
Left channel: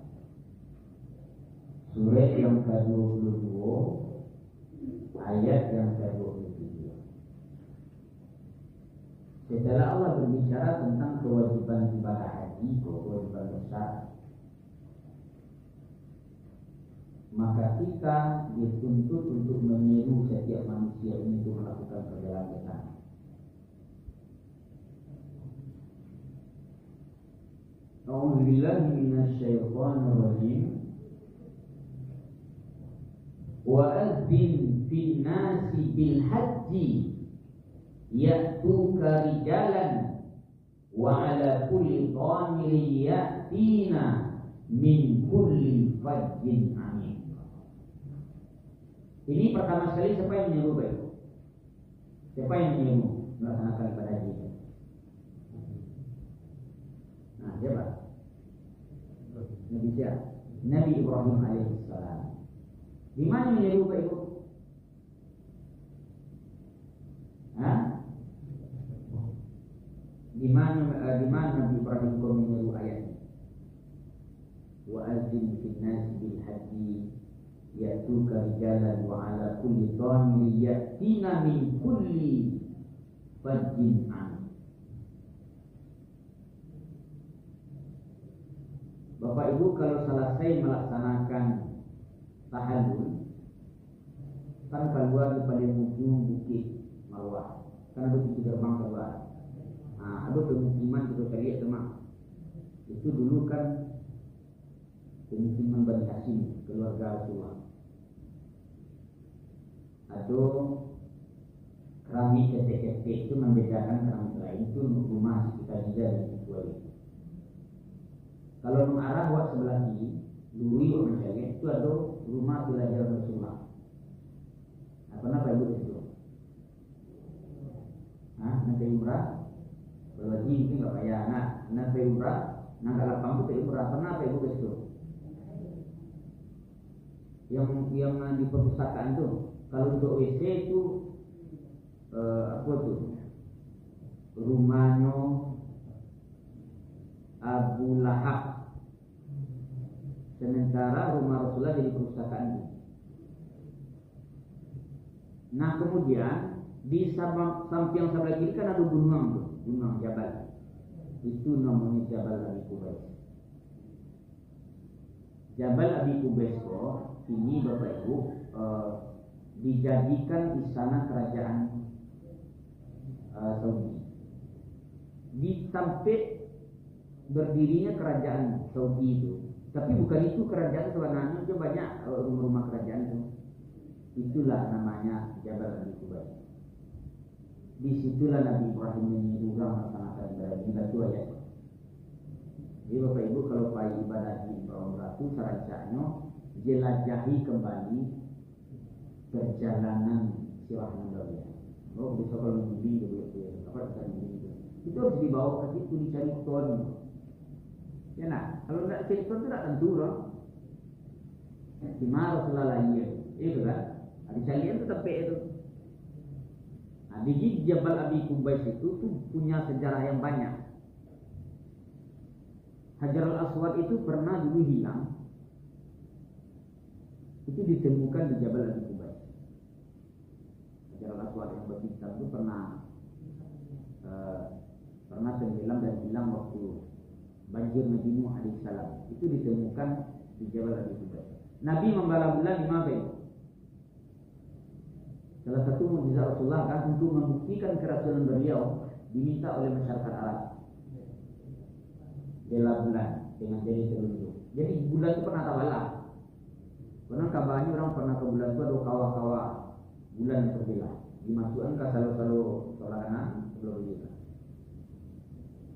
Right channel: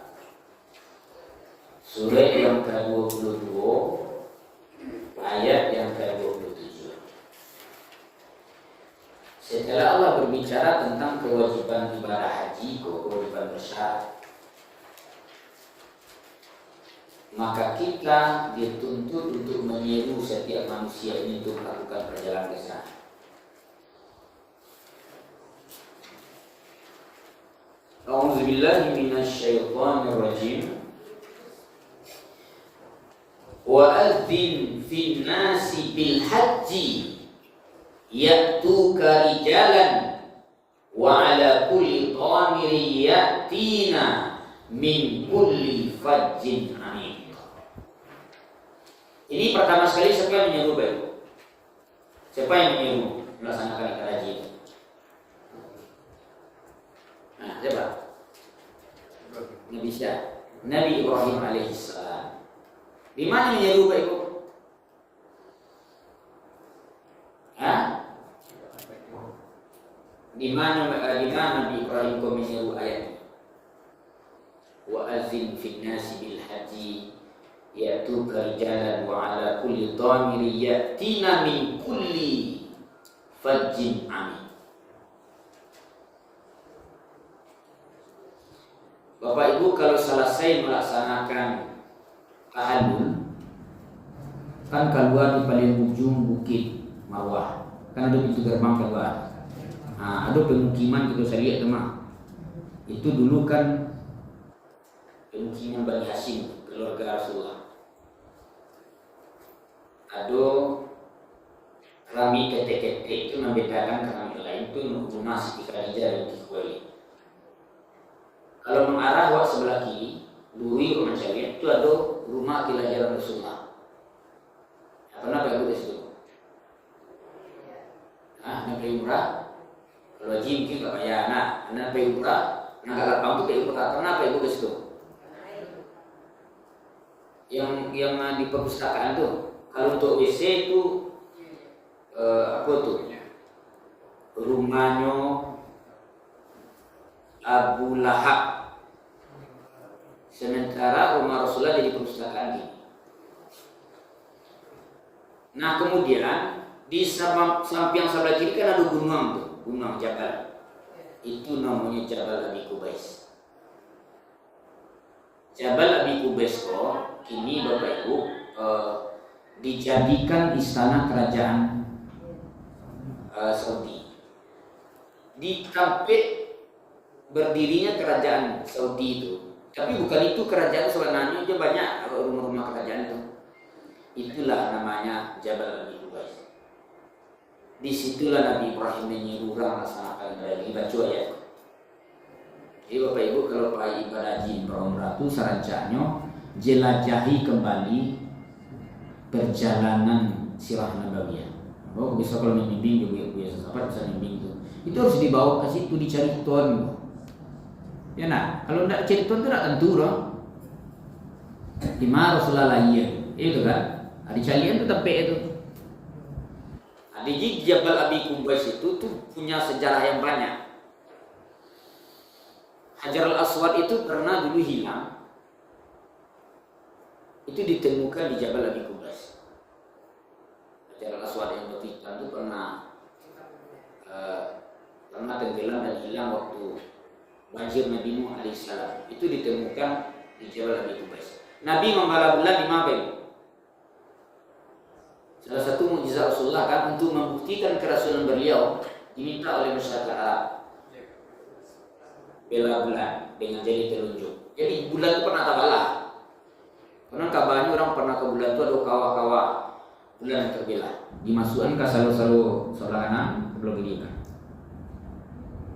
surah yang ke-22 ayat yang ke-27. Setelah Allah berbicara tentang kewajiban ibadah haji, kewajiban bersyarat, maka kita dituntut untuk meniru setiap manusia ini untuk melakukan perjalanan ke sana. A'udzubillahi minasyaitonir rajim. Wa adzin fin nasi bil haji ya'tuka rijalan wa ala kulli dhamiri ya'tina min kulli fajjin amin. Ini pertama sekali siapa yang menyuruh Bapak? Siapa yang menyuruh melaksanakan ibadah haji ini? Nah, siapa? Nabi siapa? Nabi Ibrahim alaihissalam. Di mana menyuruh Bapak Ibu? Hah? Di mana Nabi Ibrahim menyuruh ayat ini? Wa azin fin nasi bil haji ya'tuka rijalan wa ala kulli dhamiri ya'tina min kulli fajjin amin. Bapak Ibu, kalau selesai melaksanakan tahallul, kan keluar di paling ujung bukit Marwah, kan ada pintu gerbang keluar. Nah, ada pemukiman kita saya lihat teman. Itu dulu kan pemukiman Bani Hashim, keluarga Rasulullah. Ada rami ketek-ketek itu membedakan rami lain, itu rumah Siti Khadijah binti Khuwailid. Kalau mengarah wak sebelah kiri, luri rumah cewek itu ada rumah kelahiran Rasulullah. Nah, kenapa ibu di situ? Nah, nabi umrah. Kalau haji mungkin nggak payah. Nah, nabi umrah, nah kalau lapang itu kayak umrah. Kenapa ibu di situ? Yang di perpustakaan tuh. Kalau untuk WC itu apa tuh? Rumahnya Abu Lahab. Sementara rumah Rasulullah jadi perpustakaan ini. Nah kemudian di samping sebelah kiri kan ada gunung tuh, gunung Jabal. Itu namanya Jabal Abi Qubais. Jabal Abi Qubais kok kini Bapak Ibu dijadikan istana kerajaan Saudi. Di tempat berdirinya kerajaan Saudi itu. Tapi bukan itu kerajaan sebenarnya, aja banyak rumah-rumah kerajaan itu. Itulah namanya Jabal Abi Qubais. Disitulah Nabi Ibrahim menyuruh orang melaksanakan ibadah. Dibaca ya. Jadi Bapak Ibu kalau pada ibadah haji umrah itu sarancanya jelajahi kembali perjalanan sirah nabawiyah. Oh bisa kalau membimbing juga biasa sahabat bisa membimbing itu harus dibawa ke situ dicari ton. Ya nah, kalau tidak cari ton itu tidak tentu dong. Di mana Rasulullah itu kan, di calian itu tempat itu. Nah, di Jabal Abi Qubais itu tuh punya sejarah yang banyak. Hajar al-Aswad itu pernah dulu hilang. Itu ditemukan di Jabal Abi Qubais. Hajar al-Aswad yang berhitam itu pernah tenggelam dan hilang waktu banjir Nabi Nuh alaihissalam. Itu ditemukan di Jabal Abi Qubais. Nabi membala bulan di Mabel. Salah satu mukjizat Rasulullah kan untuk membuktikan kerasulan beliau diminta oleh masyarakat Arab. Bela bulan dengan jari telunjuk. Jadi bulan itu pernah terbelah. Karena kabarnya orang pernah ke bulan itu ada kawah-kawah bulan yang terbelah. Dimasukkan ke selalu kanan ke belah kiri kan.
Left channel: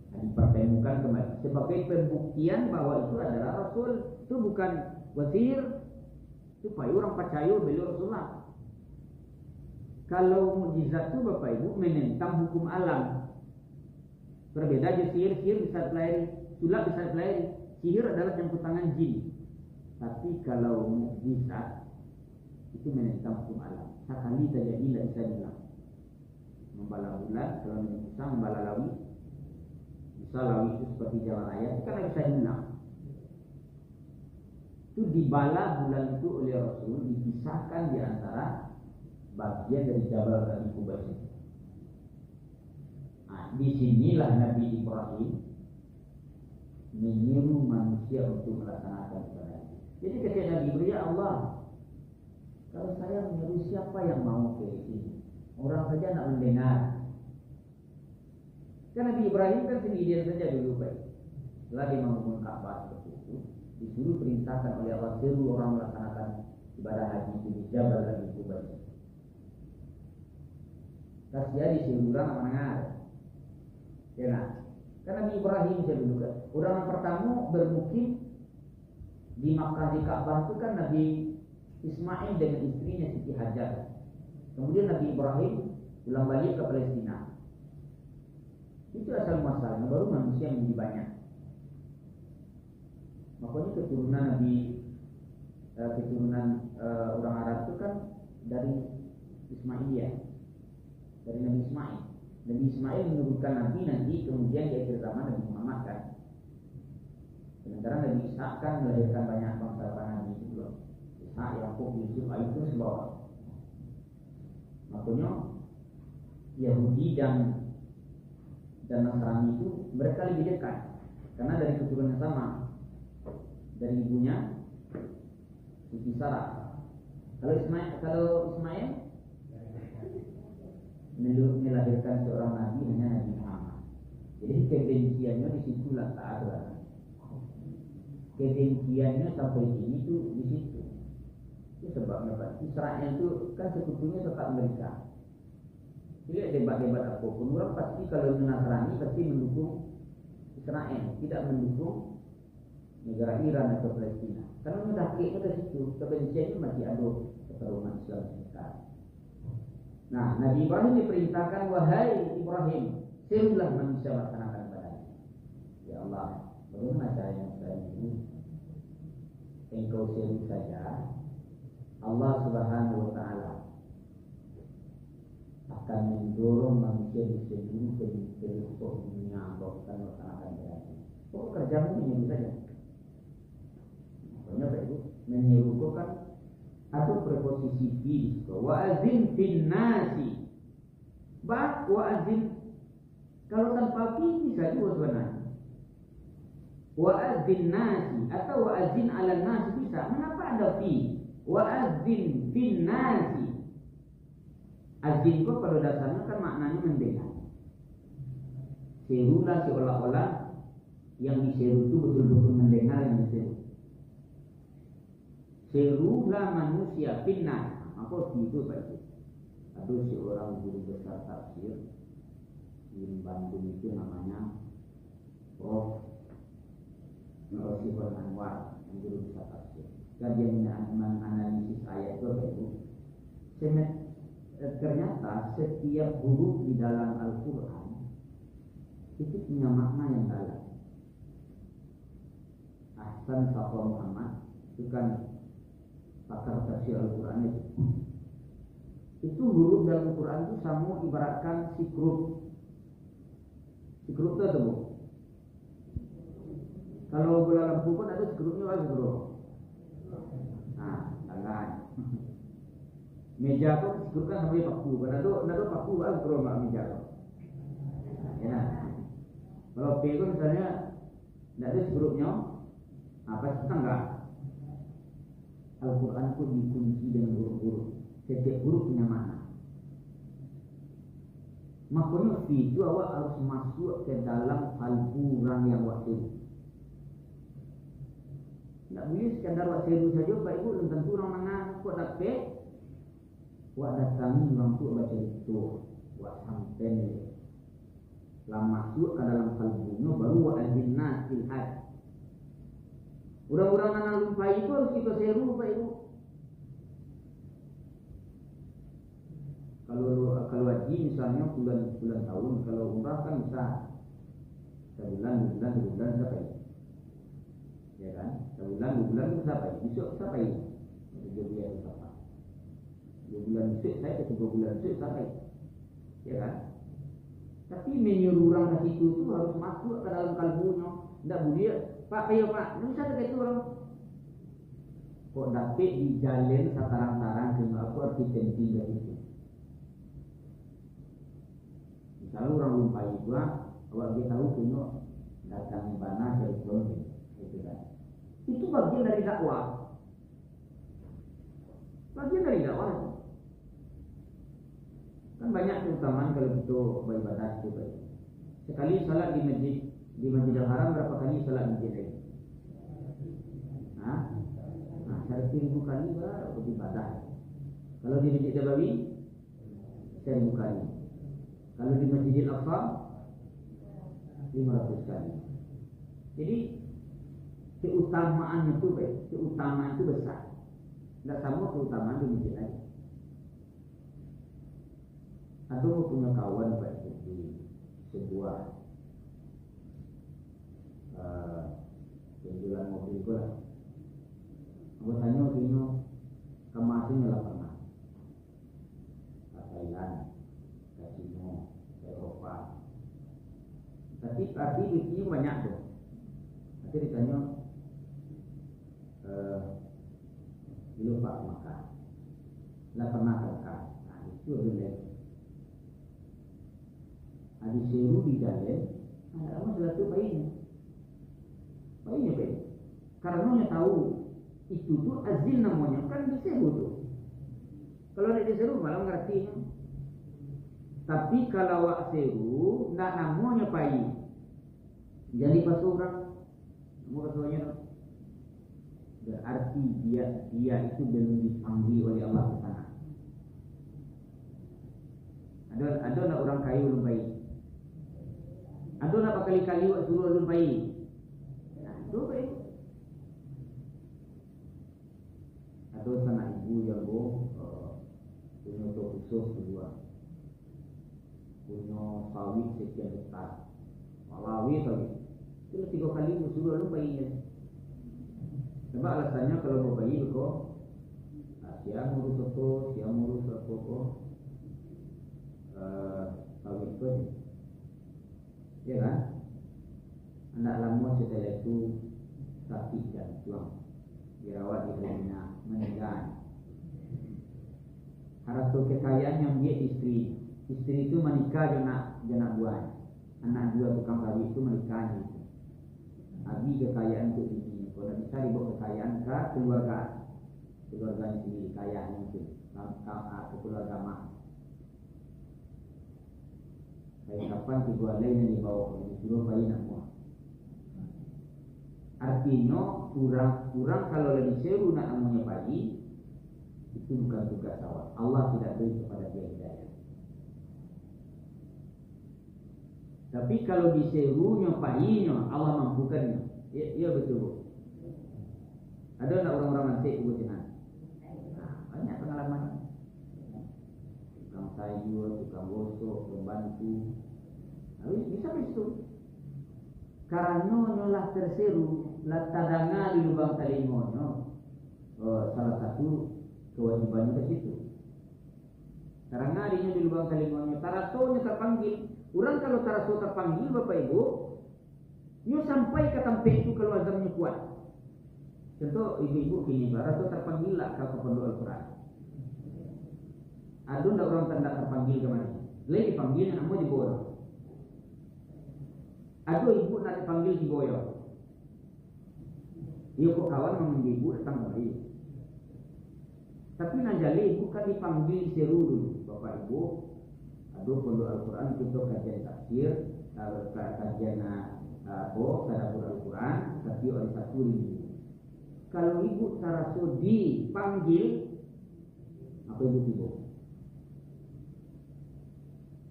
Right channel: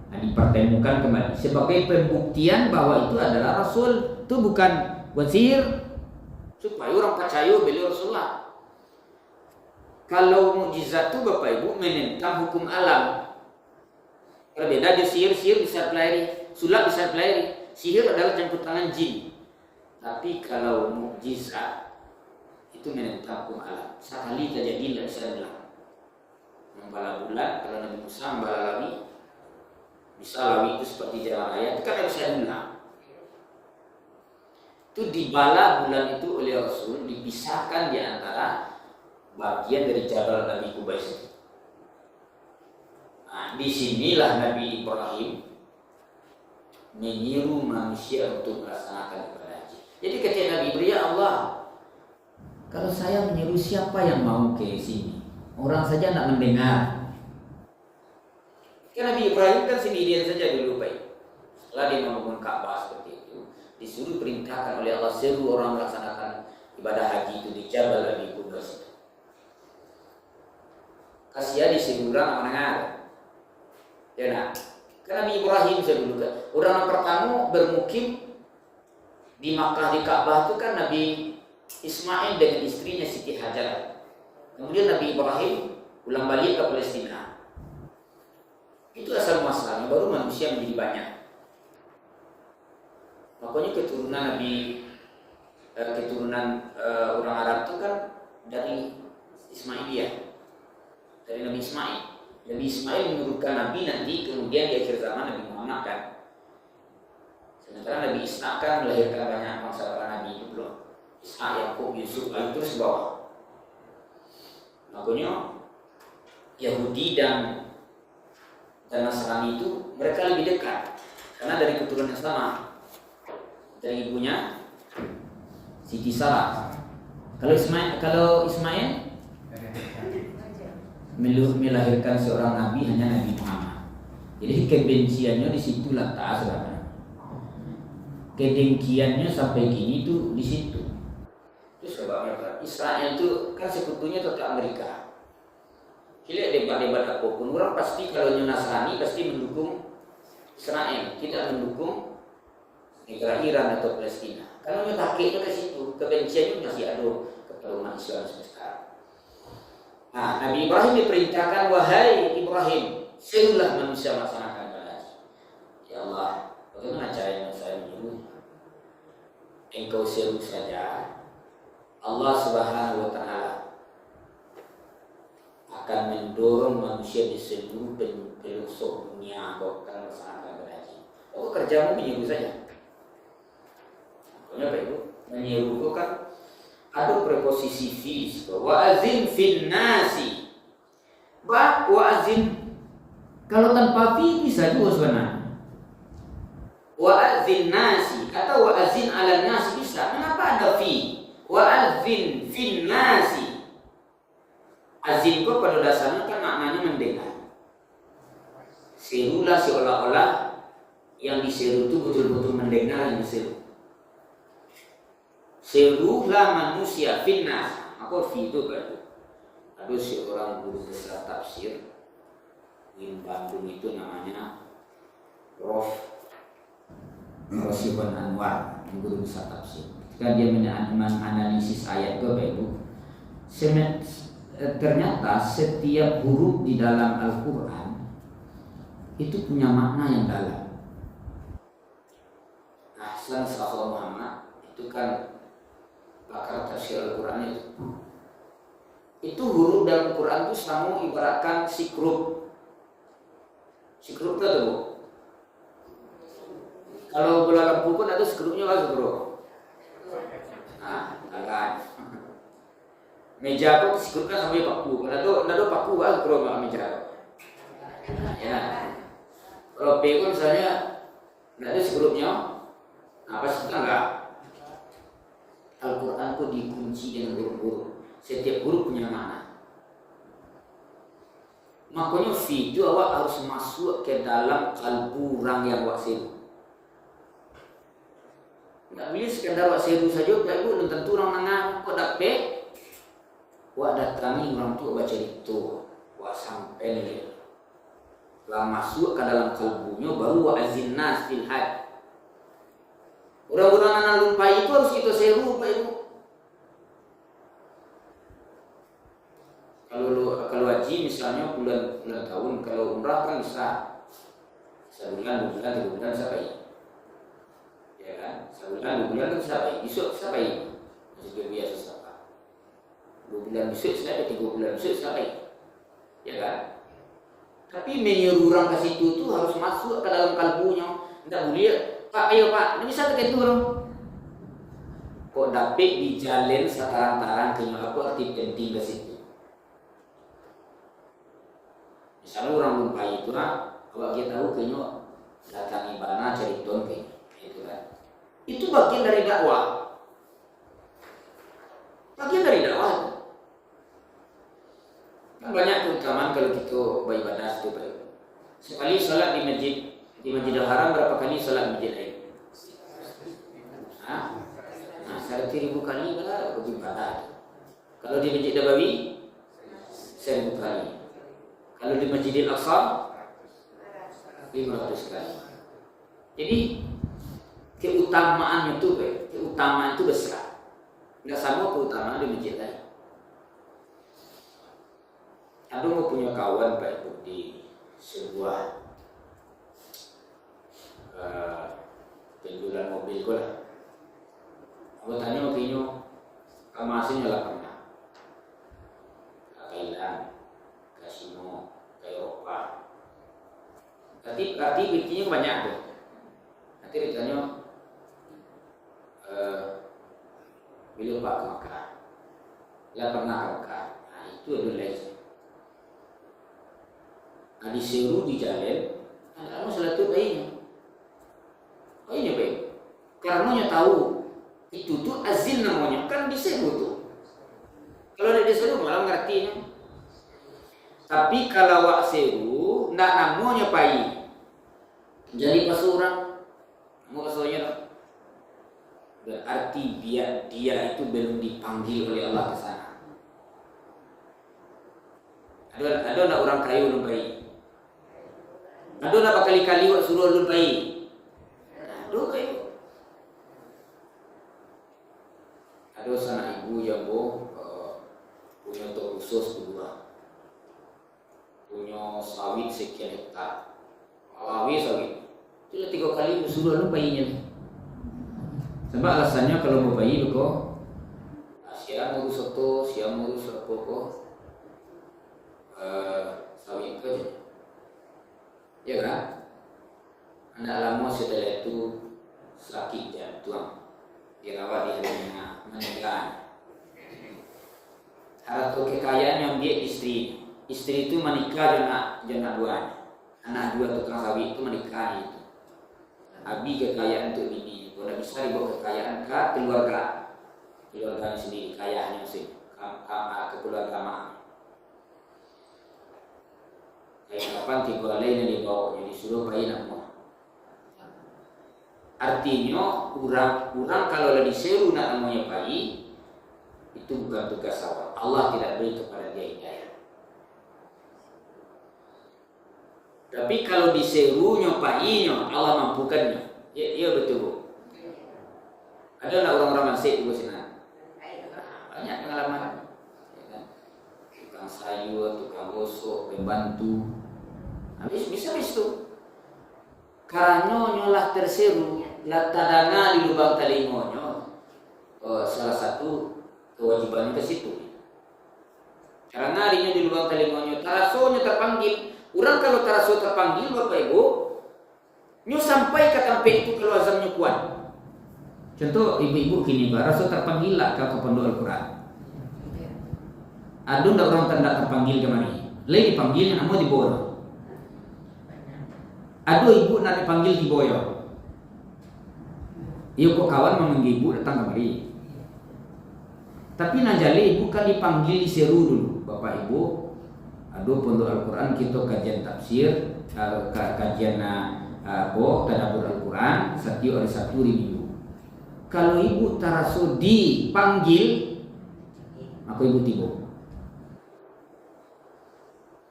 Nah, dipertemukan kembali sebagai pembuktian bahwa itu adalah Rasul. Itu bukan buat sihir, supaya orang percaya beliau Rasulullah. Kalau mukjizat itu Bapak Ibu menentang hukum alam. Berbeda di sihir bisa pelari, sulap bisa pelari. Sihir adalah campur tangan jin. Tapi kalau mukjizat itu menentang hukum alam. Sekali terjadi tidak bisa dibilang. Membala bulan, kalau Nabi Musa membala lawi, bisa lawi itu seperti jalan raya, itu kan tidak bisa dibilang. Itu dibala bulan itu oleh Rasul, dipisahkan di antara bagian dari Jabal Abi Qubais itu. Nah, disinilah Nabi Ibrahim menyeru manusia untuk melaksanakan ibadah haji. Jadi ketika Nabi Ibrahim, ya Allah, kalau saya menyeru siapa yang mau ke sini? Orang saja tidak mendengar. Karena Nabi Ibrahim kan sendirian saja dulu Pak. Setelah dia membangun Ka'bah seperti itu, disuruh perintahkan oleh Allah seru orang melaksanakan ibadah haji itu di Jabal Abi Qubais. Kasihan disuruh orang mendengar. Ya nah, karena Nabi Ibrahim saya dulu kan, orang yang pertama bermukim di Makkah di Ka'bah itu kan Nabi Ismail dengan istrinya Siti Hajar. Kemudian Nabi Ibrahim pulang balik ke Palestina. Itu asal muasalnya, baru manusia menjadi banyak. Makanya keturunan orang Arab itu kan dari Ismailiyah, dari Nabi Ismail. Nabi Ismail menurunkan Nabi nanti kemudian di akhir zaman Nabi Muhammad kan. Sementara Nabi Ishak kan melahirkan banyak bangsa para Nabi itu belum. Ishak, Yakub, Yusuf, terus bawah. Makanya Yahudi dan Nasrani itu mereka lebih dekat karena dari keturunan yang sama, dari ibunya Siti Sarah. Kalau Ismail melahirkan seorang nabi hanya Nabi Muhammad. Jadi kebenciannya di situ letak sebenarnya. Kedengkiannya sampai kini itu di situ. Itu sebabnya Israel itu kan sekutunya tetap Amerika. Tidak debat-debat apapun, orang pasti kalau Nasrani pasti mendukung Israel, tidak mendukung negara Iran atau Palestina. Karena takutnya ke situ, kebenciannya masih ada kepada umat Islam sekarang. Nah, Nabi Ibrahim diperintahkan, wahai Ibrahim, serulah manusia melaksanakan ibadah haji. Ya Allah, bagaimana caranya saya menyuruh? Engkau seru saja. Allah Subhanahu wa Ta'ala akan mendorong manusia di seluruh pelosok dunia bahkan melaksanakan ibadah haji. Pokok kerjamu menyuruh saja. Pokoknya Pak Ibu, menyuruh itu kan ada preposisi fi, wa azin fin nasi. Wa azin kalau tanpa fi bisa juga sebenarnya. Wa azin nasi atau wa azin ala nasi bisa. Kenapa ada fi? Wa azin fin nasi. Azin itu pada dasarnya kan maknanya mendengar. Serulah seolah-olah yang diseru itu betul-betul mendengar yang diseru. Serulah manusia finnas. Maka fi itu berarti. Ada seorang guru besar tafsir di Bandung itu namanya Prof. Rosibon Anwar, guru besar tafsir. Ketika dia menganalisis ayat itu, Bapak Ibu, ternyata setiap huruf di dalam Al-Quran itu punya makna yang dalam. Ahsan Sahal Muhammad itu kan pakar tafsir Al-Quran itu. Itu huruf dalam Quran itu sama ibaratkan sikrut. Sikrut itu apa, Bu? Kalau bola lampu pun ada sikrutnya kan, Bro. Nah, kan. Meja kok sikrut kan sampai paku. Ada paku kan, Bro, enggak meja. Ya. Kalau P pun misalnya enggak ada sikrutnya. Nah, pasti enggak. Al-Quran itu dikunci dengan huruf-huruf. Setiap huruf punya makna. Makanya fi itu awak harus masuk ke dalam kalbu orang yang awak seru. Nggak boleh sekedar awak seru saja, Bapak Ibu, belum tentu orang nengah kok dapat. Awak datangi orang tua baca itu, awak sampai nih. Setelah masuk ke dalam kalbunya baru awak azin nas fil had. Orang-orang anak lumpai itu harus kita seru, Bapak Ibu. Kalau haji misalnya bulan tahun, kalau umrah kan bisa sebulan, 2 bulan, 3 bulan sampai, ya kan? Sebulan, 2 bulan kan sampai, besok sampai, masih biasa sampai. 2 bulan besok sampai, 3 bulan besok sampai, ya kan? Tapi menyuruh orang ke situ tuh harus masuk ke dalam kalbunya, nggak boleh. Pak, ayo Pak, ini bisa terkait turun. Kok dapet di jalan sekarang-tarang kenyal aku arti penting ke situ. Misalnya orang lumpai itu awak kita tahu kenyal datangi bana cari ton itu kan. Itu bagian dari dakwah. Bagian dari dakwah. Kan banyak keutamaan kalau kita beribadah itu, Pak. Sekali salat di Masjidil Haram, berapa kali salat di masjid lain? Nah, 1.000 kali lah beribadah. Kalau di Masjid Nabawi 1.000 kali. Kalau di Masjidil Aqsa 500 kali. Jadi keutamaan itu besar. Enggak sama keutamaan di masjid lain. Aku mau punya kawan, Pak Ibu, di sebuah penjualan mobil ko lah. Aku tanya waktu kamu aslinya lah pernah ke Thailand, ke Sino, ke Eropa. Arti bikinnya banyak tuh. Nanti ditanya bila Pak ke Makkah, lah pernah ke Makkah. Nah itu adalah disuruh di jalan, nah kamu salat itu baiknya. Oh ini baik. Karena tahu itu tuh azin namanya, kan disebut tuh. Kalau tidak disuruh malah ngertinya. Tapi kalau wak seru, ndak namanya pai. Jadi pas orang mau kesoalnya, berarti dia itu belum dipanggil oleh Allah ke sana. Ada nak orang kaya belum baik. Ada nak berkali-kali wak suruh belum baik. Ada baik. Ada sana ibu yang punya toko khusus kedua, punya sawit sekian hektar, sawit. Itu 3 kali suruh belum bayinya. Sebab alasannya kalau mau bayi kok, siang ngurus soto, siang ngurus apa kok. Sawit itu aja, ya kan? Anak lama setelah itu sakit jantung, dirawat di harinya meninggal. Harta kekayaan yang dia istri itu menikah dengan 2 anak 2 tukang sawit itu menikah itu. Habis kekayaan untuk bini, kalau tidak bisa dibawa kekayaan ke keluarga sendiri, kayanya sih, kekeluargaan. Kayak kapan tiga lain yang dibawa jadi suruh bayi nak muat. Artinya orang kalau lagi seru nak namanya bayi itu bukan tugas awal. Allah tidak beri kepada dia hidayah. Tapi kalau diserunya bayinya Allah mampukannya. Ya betul Bu. Ada nak orang-orang Masjid di sana? Banyak pengalaman. Ya kan? Tukang sayur, tukang gosok, pembantu. Habis bisa itu. Karena nyolah terseru, latadana di lubang telingonya. Salah satu kewajibannya ke situ. Karena harinya di lubang telingonya, tarasonya terpanggil. Orang kalau taraso terpanggil Bapak Ibu, nyo sampai ke tempat itu kalau azamnya kuat. Contoh ibu-ibu gini, taraso terpanggil lah ke pondok Al-Quran. Ada ndak orang tanda terpanggil kemana? Lagi dipanggilnya namun dibawa. Aduh ibu nak dipanggil di boyo. Iyo kok kawan memanggil ibu datang kemari. Tapi najali ibu kan dipanggil diseru dulu. Bapak ibu, aduh pondok Al-Quran kita kajian tafsir, kajian tadabbur Al-Quran setiap hari Sabtu di minggu. Kalau ibu taraso dipanggil, maka ibu tiba.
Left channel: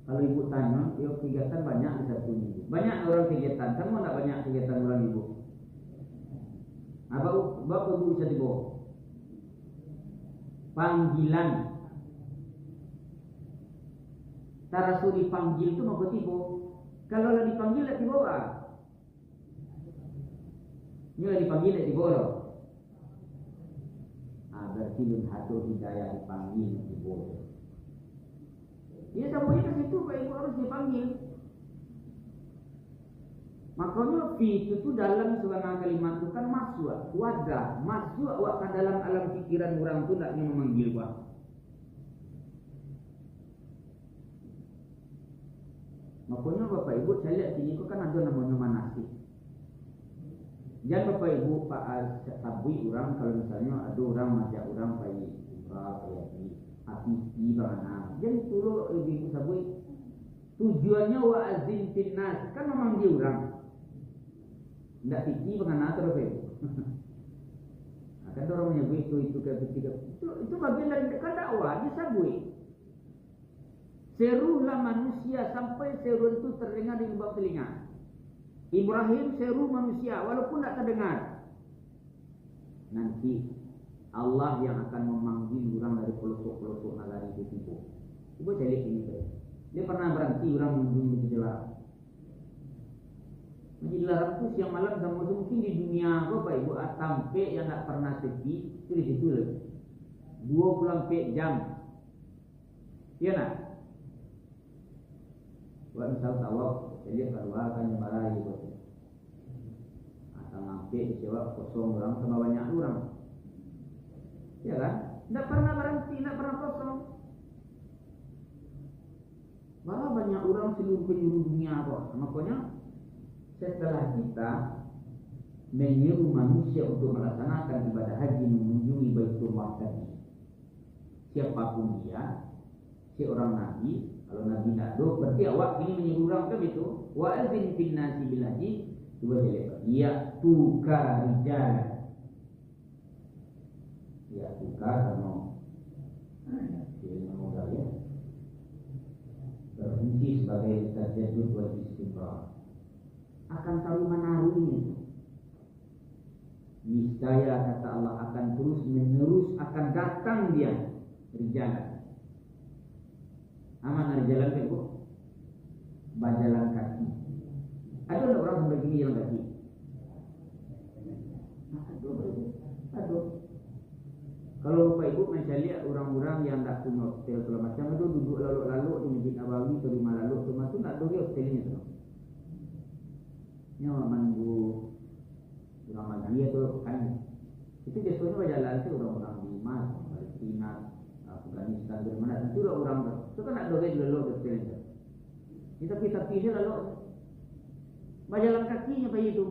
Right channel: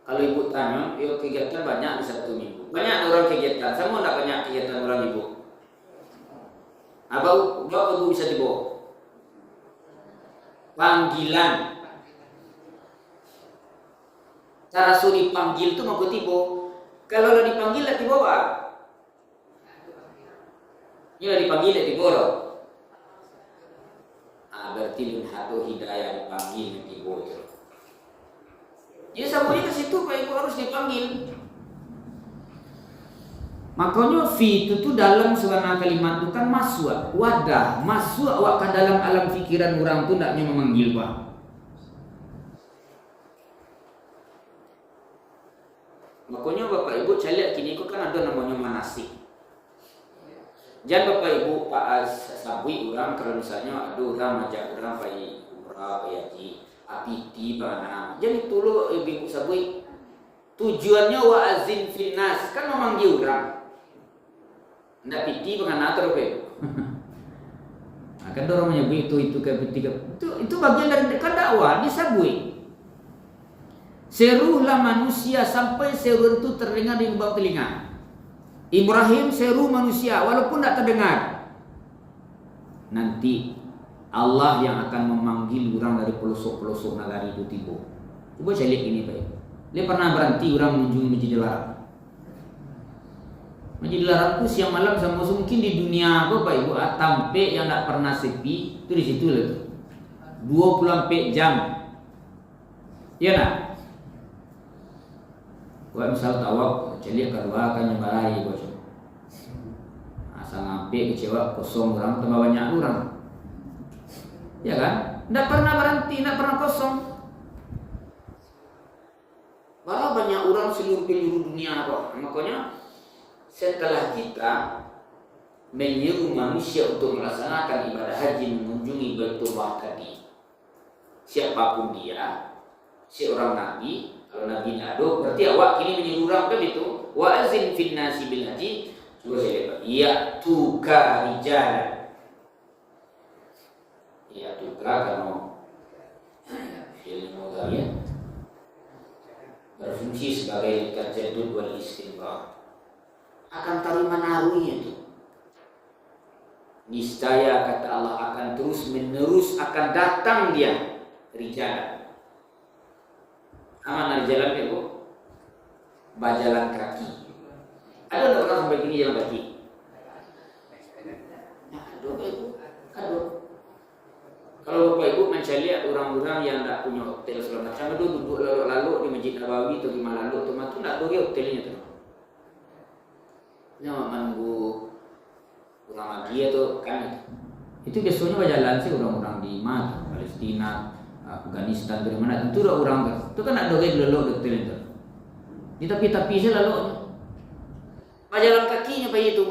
Kalau ibu tanya, yuk kegiatan banyak di Sabtu Minggu. Banyak orang kegiatan, sama tidak banyak kegiatan orang ibu. Apa ibu bisa dibawa? Panggilan. Cara suruh dipanggil itu mau tiba. Kalau lo dipanggil lah dibawa. Ini dipanggil lah dibawa. Berarti lun hatu hidayah dipanggil dibawa. Jadi sabunnya ke situ Pak Ibu harus dipanggil. Makanya fi itu tuh dalam sebenarnya kalimat itu kan masuk, wadah, masuk awak ke dalam alam pikiran orang tuh ndaknya memanggil Pak. Makanya Bapak Ibu saya lihat kini kok kan ada namanya manasik. Jangan Bapak Ibu Pak sabui orang kalau misalnya ada orang ajak orang pergi umrah, pergi haji. Apiti bana. Jadi tulu ibu sabui tujuannya wa'azin finnas kan memanggil orang. Ndak piti bana terus ke. Akan dorong menyebut itu ketika itu bagian dari kan dakwah disabui. Serulah manusia sampai seru itu terdengar di lubang telinga. Ibrahim seru manusia walaupun tidak terdengar. Nanti Allah yang akan memanggil orang dari pelosok-pelosok nagari itu tiba. Coba saya lihat ini Pak. Dia pernah berhenti orang mengunjungi Masjid Al-Haram. Masjid Al-Haram itu siang malam sama mungkin di dunia Bapak Ibu tampe yang tidak pernah sepi itu di situ lah. 24 jam. Iya nak? Wah misal tawaf, saya kedua akan nyembarahi bos. Asal ngampe kecewa kosong orang tambah banyak orang. Ya kan? Tidak pernah berhenti, tidak pernah kosong. Malah banyak orang seluruh penjuru dunia kok. Makanya setelah kita menyeru manusia untuk melaksanakan ibadah haji mengunjungi Baitullah tadi, siapapun dia, seorang nabi, kalau nabi nado, berarti awak kini menyeru orang kan itu. Wa azin fin nasi bil haji. Coba saya lihat. Ya tuka rijalan. Ya tuka karena fi'il mudhari berfungsi sebagai tajaddud wal istimrar. Akan tarima naruhnya itu. Niscaya kata Allah akan terus menerus akan datang dia rijalan. Aman jalan ke Bu? Bajalan kaki. Ada enggak orang sampai gini jalan kaki? Aduh Bu. Aduh. Kalau Bapak Ibu mencari orang-orang yang tidak punya hotel segala macam, itu duduk lalu di Masjid Nabawi atau di mana lalu, teman tu nak doi hotelnya tu. Nyawa menunggu orang lagi atau kan itu biasanya berjalan sih orang-orang di mana Palestina, Afghanistan dari mana tentu ada orang kan. Itu kan nak doi lalu di hotel itu. Di tepi-tepi saja lalu berjalan kakinya bayi itu.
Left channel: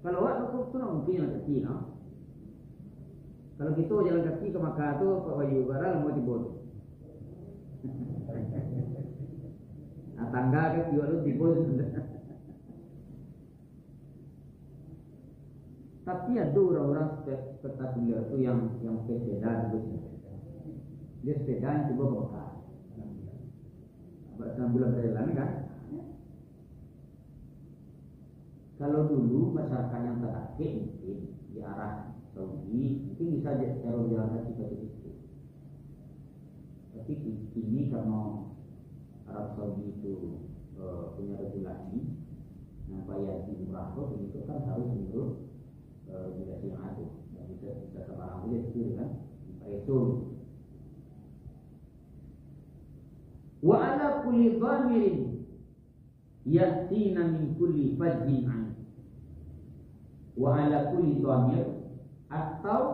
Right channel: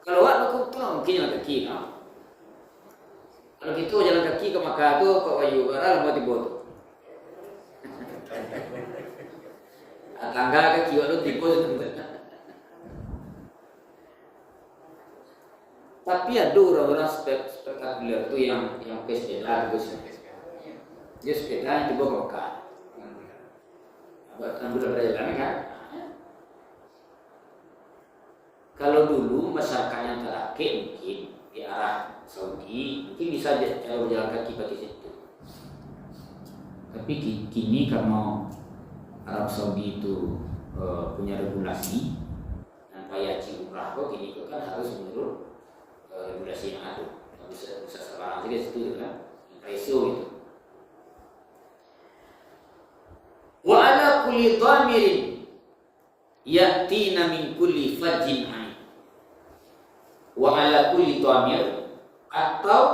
Kalau awak tu mungkin jalan kaki, no? Kalau gitu jalan kaki ke Makkah tuh ke Wayu Barat lama tiba tuh. tangga ke kiwa lu tipu. Tapi ada orang-orang spektakuler tuh yang ke sepeda gitu. Dia sepeda yang tiba ke Mekah. Abad 6 bulan perjalanan kan? Kalau dulu masyarakat yang terakhir mungkin di arah Saudi mungkin bisa cara berjalan kaki pakai situ. Tapi kini karena Arab Saudi itu punya regulasi, nah haji umrah kok kini itu kan harus menurut regulasi yang ada. Nggak bisa sembarang saja situ kan, ISO itu. Wa ala kulli dhamirin yatina min kulli fajjin ain. Wa ala kulli dhamir, atau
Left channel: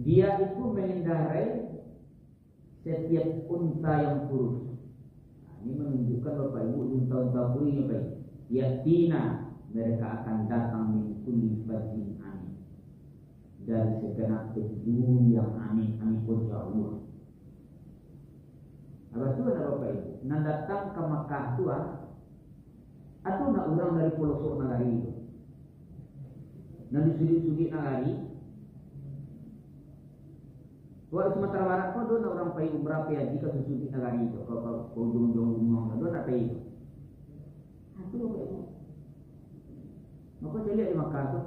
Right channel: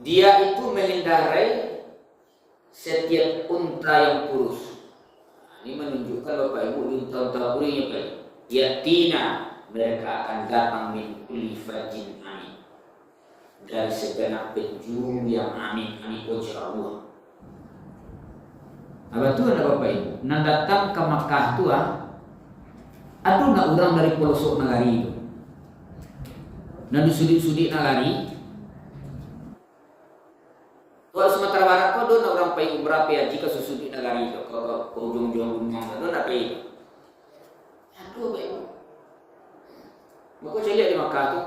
dia itu mengendarai setiap unta yang kurus. Nah, ini menunjukkan Bapak Ibu di unta-unta kurusnya kali. Yatina, mereka akan datang min kulli fajjin ain, dari segenap penjuru yang amin wajah Allah. Apa tu ada Bapak Ibu? Nak datang ke Makkah tu aduh nak orang dari pelosok negari itu. Nak sudi negari. Wah Sumatera Barat kau do nak orang pergi umrah pergi haji ke sudi negari itu ke ujung-ujung gunung itu nak pergi. Aduh Bapak Ibu. Maka saya lihat di Makkah tu,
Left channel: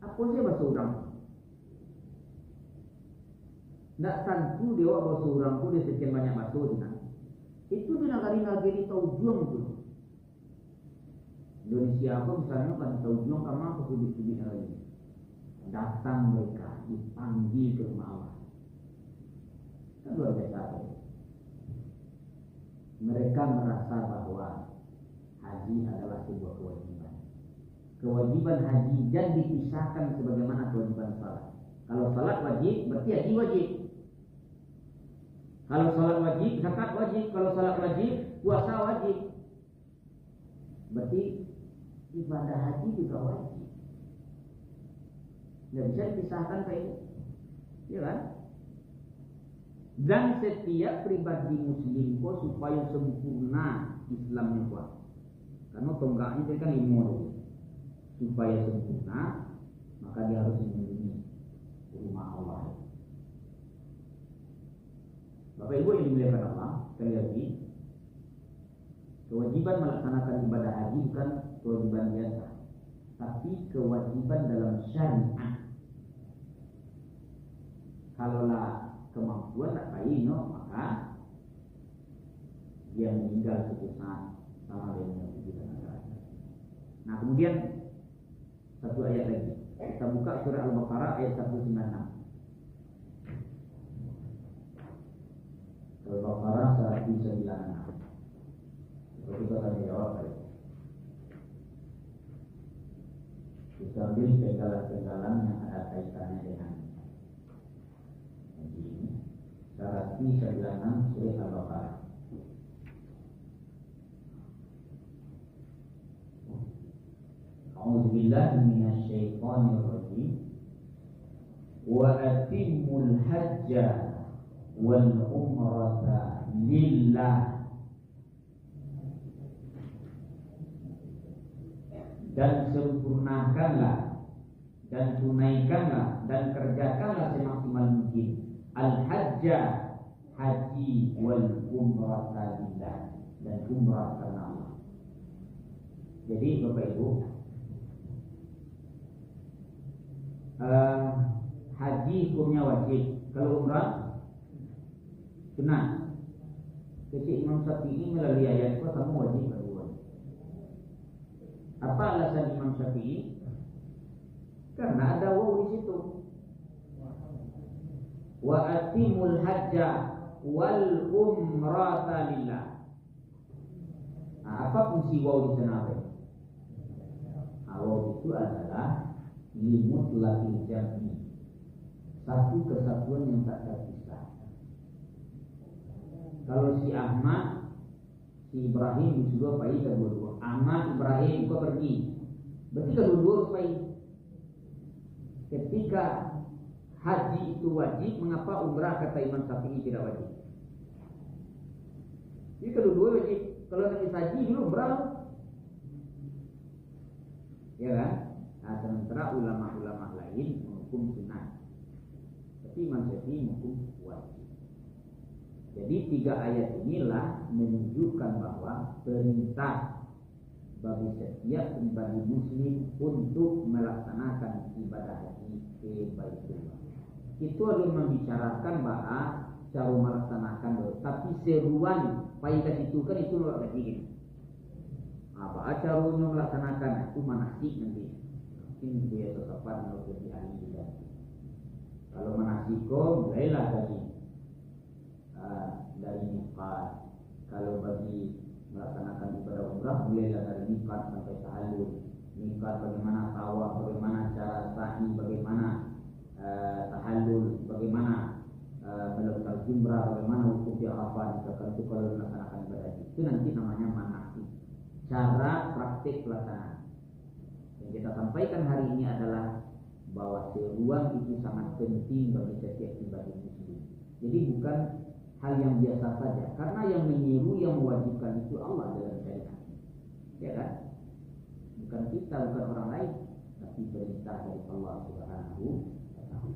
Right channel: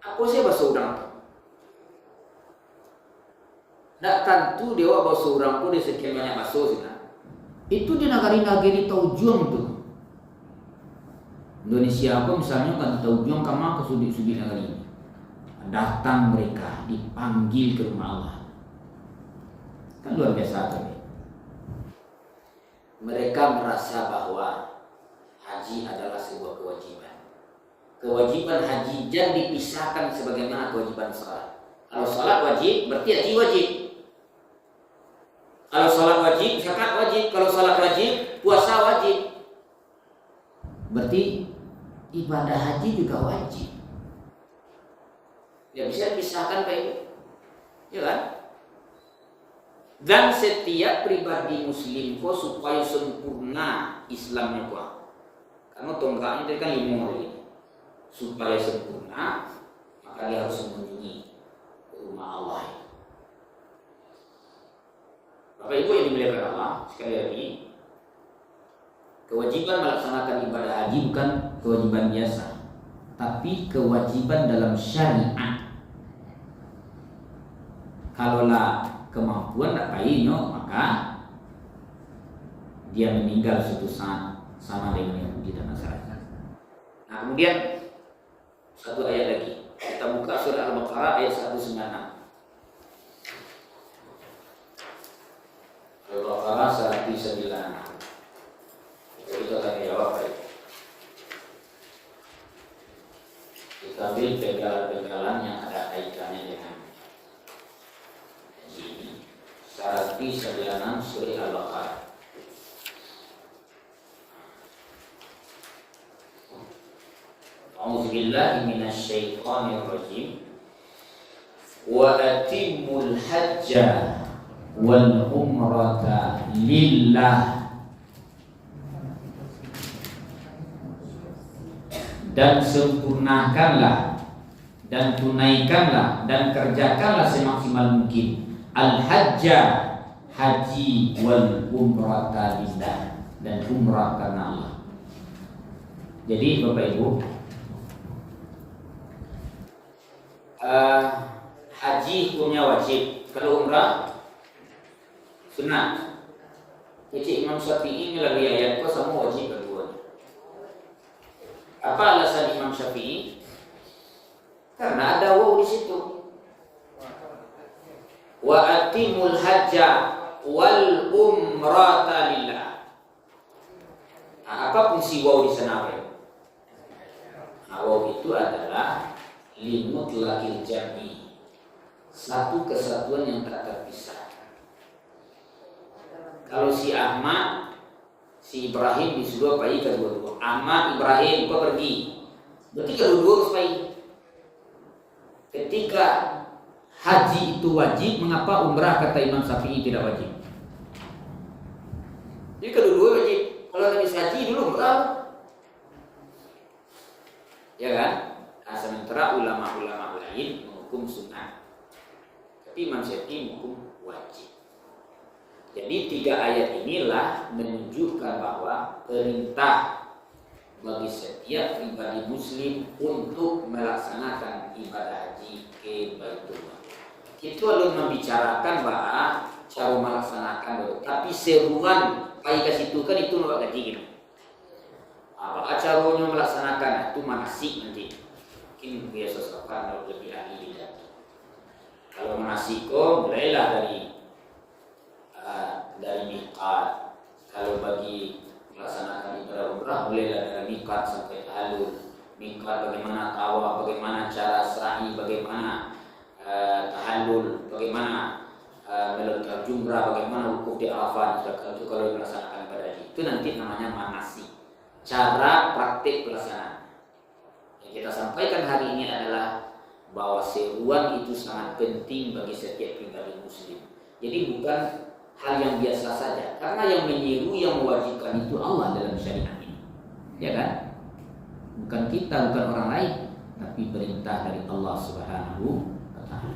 apa sih bahasa orang tu? Nak tentu dewa bahasa orang pun di sekian banyak bahasa sih. Itu di negara-negara Taujung tuh. Indonesia pun misalnya kan Taujung kama ke sudi negara. Datang mereka dipanggil ke rumah Allah. Kan luar biasa tuh. Mereka merasa bahwa haji adalah sebuah kewajiban. Kewajiban haji jangan dipisahkan sebagaimana kewajiban salat. Kalau salat wajib, berarti haji wajib. Kalau salat wajib, zakat wajib. Kalau salat wajib, puasa wajib. Berarti ibadah haji juga wajib. Tidak bisa dipisahkan Pak Ibu. Ya kan? Dan setiap pribadi muslim kok supaya sempurna Islamnya kok. Karena tonggaknya itu kan 5 hari. Supaya sempurna, maka dia harus mengunjungi rumah Allah. Bapak Ibu yang dimuliakan Allah, sekali lagi, kewajiban melaksanakan ibadah haji bukan kewajiban biasa, tapi kewajiban dalam syariat. Kalaulah kemampuan tak kayaknya, maka dia meninggal suatu saat sama dengan Yahudi dan Nasrani. Nah kemudian satu ayat lagi, kita buka surah Al-Baqarah ayat 196. Al-Baqarah 196. Kita akan jawab baik. Kita ambil pegalan-pegalan yang ada kaitannya dengan haji ini. 196 surah Al-Baqarah. A'udzubillahi minasyaitonir rajim. Wa atimul hajja wal umrata lillah, dan sempurnakanlah dan tunaikanlah dan kerjakanlah semaksimal mungkin al-hajja, haji, wal umrata lillah, dan umrah karena Allah. Jadi Bapak Ibu, haji hukumnya wajib, kalau umrah sunat. Jadi Imam Syafi'i melalui ayat kok sama wajib kedua. Apa alasan Imam Syafi'i? Karena ada waw di situ. Wa atimul hajja wal umrata lillah. Nah, apa fungsi waw di sana? Waw itu adalah limutlaqil jam'i, satu kesatuan yang tak terpisah. Kalau si Ahmad, si Ibrahim disuruh pergi kedua-dua. Ahmad, Ibrahim kau pergi, berarti kedua-dua harus pergi. Ketika haji itu wajib, mengapa umrah kata Imam Syafi'i tidak wajib? Jadi kedua-dua wajib. Kalau habis haji dulu berapa? Ya kan? Nah, sementara ulama-ulama lain menghukum sunnah, tapi Imam Syafi'i menghukum wajib. Jadi 3 ayat inilah menunjukkan bahwa perintah bagi setiap pribadi muslim untuk melaksanakan ibadah haji ke Baitullah. Itu alun membicarakan bahwa cara melaksanakan, tapi seruan pai ke situ kan itu nak gaji gitu. Bahwa caranya melaksanakan itu manasik nanti. Mungkin biasa sahabat lebih ahli bidang. Kalau manasik mulailah dari miqat. Kalau bagi melaksanakan ibadah umrah mulailah dari miqat sampai halul. Miqat bagaimana tawaf, bagaimana cara sa'i, bagaimana tahallul, bagaimana melontar jumrah, bagaimana wukuf di Arafah. Itu kalau melaksanakan ibadah haji itu nanti namanya manasik. Cara praktik pelaksanaan. Yang kita sampaikan hari ini adalah bahwa seruan itu sangat penting bagi setiap pribadi muslim. Jadi bukan hal yang biasa saja, karena yang menyeru, yang mewajibkan itu Allah dalam syariat ini, ya kan? Bukan kita, bukan orang lain, tapi perintah dari Allah Subhanahu wa Ta'ala.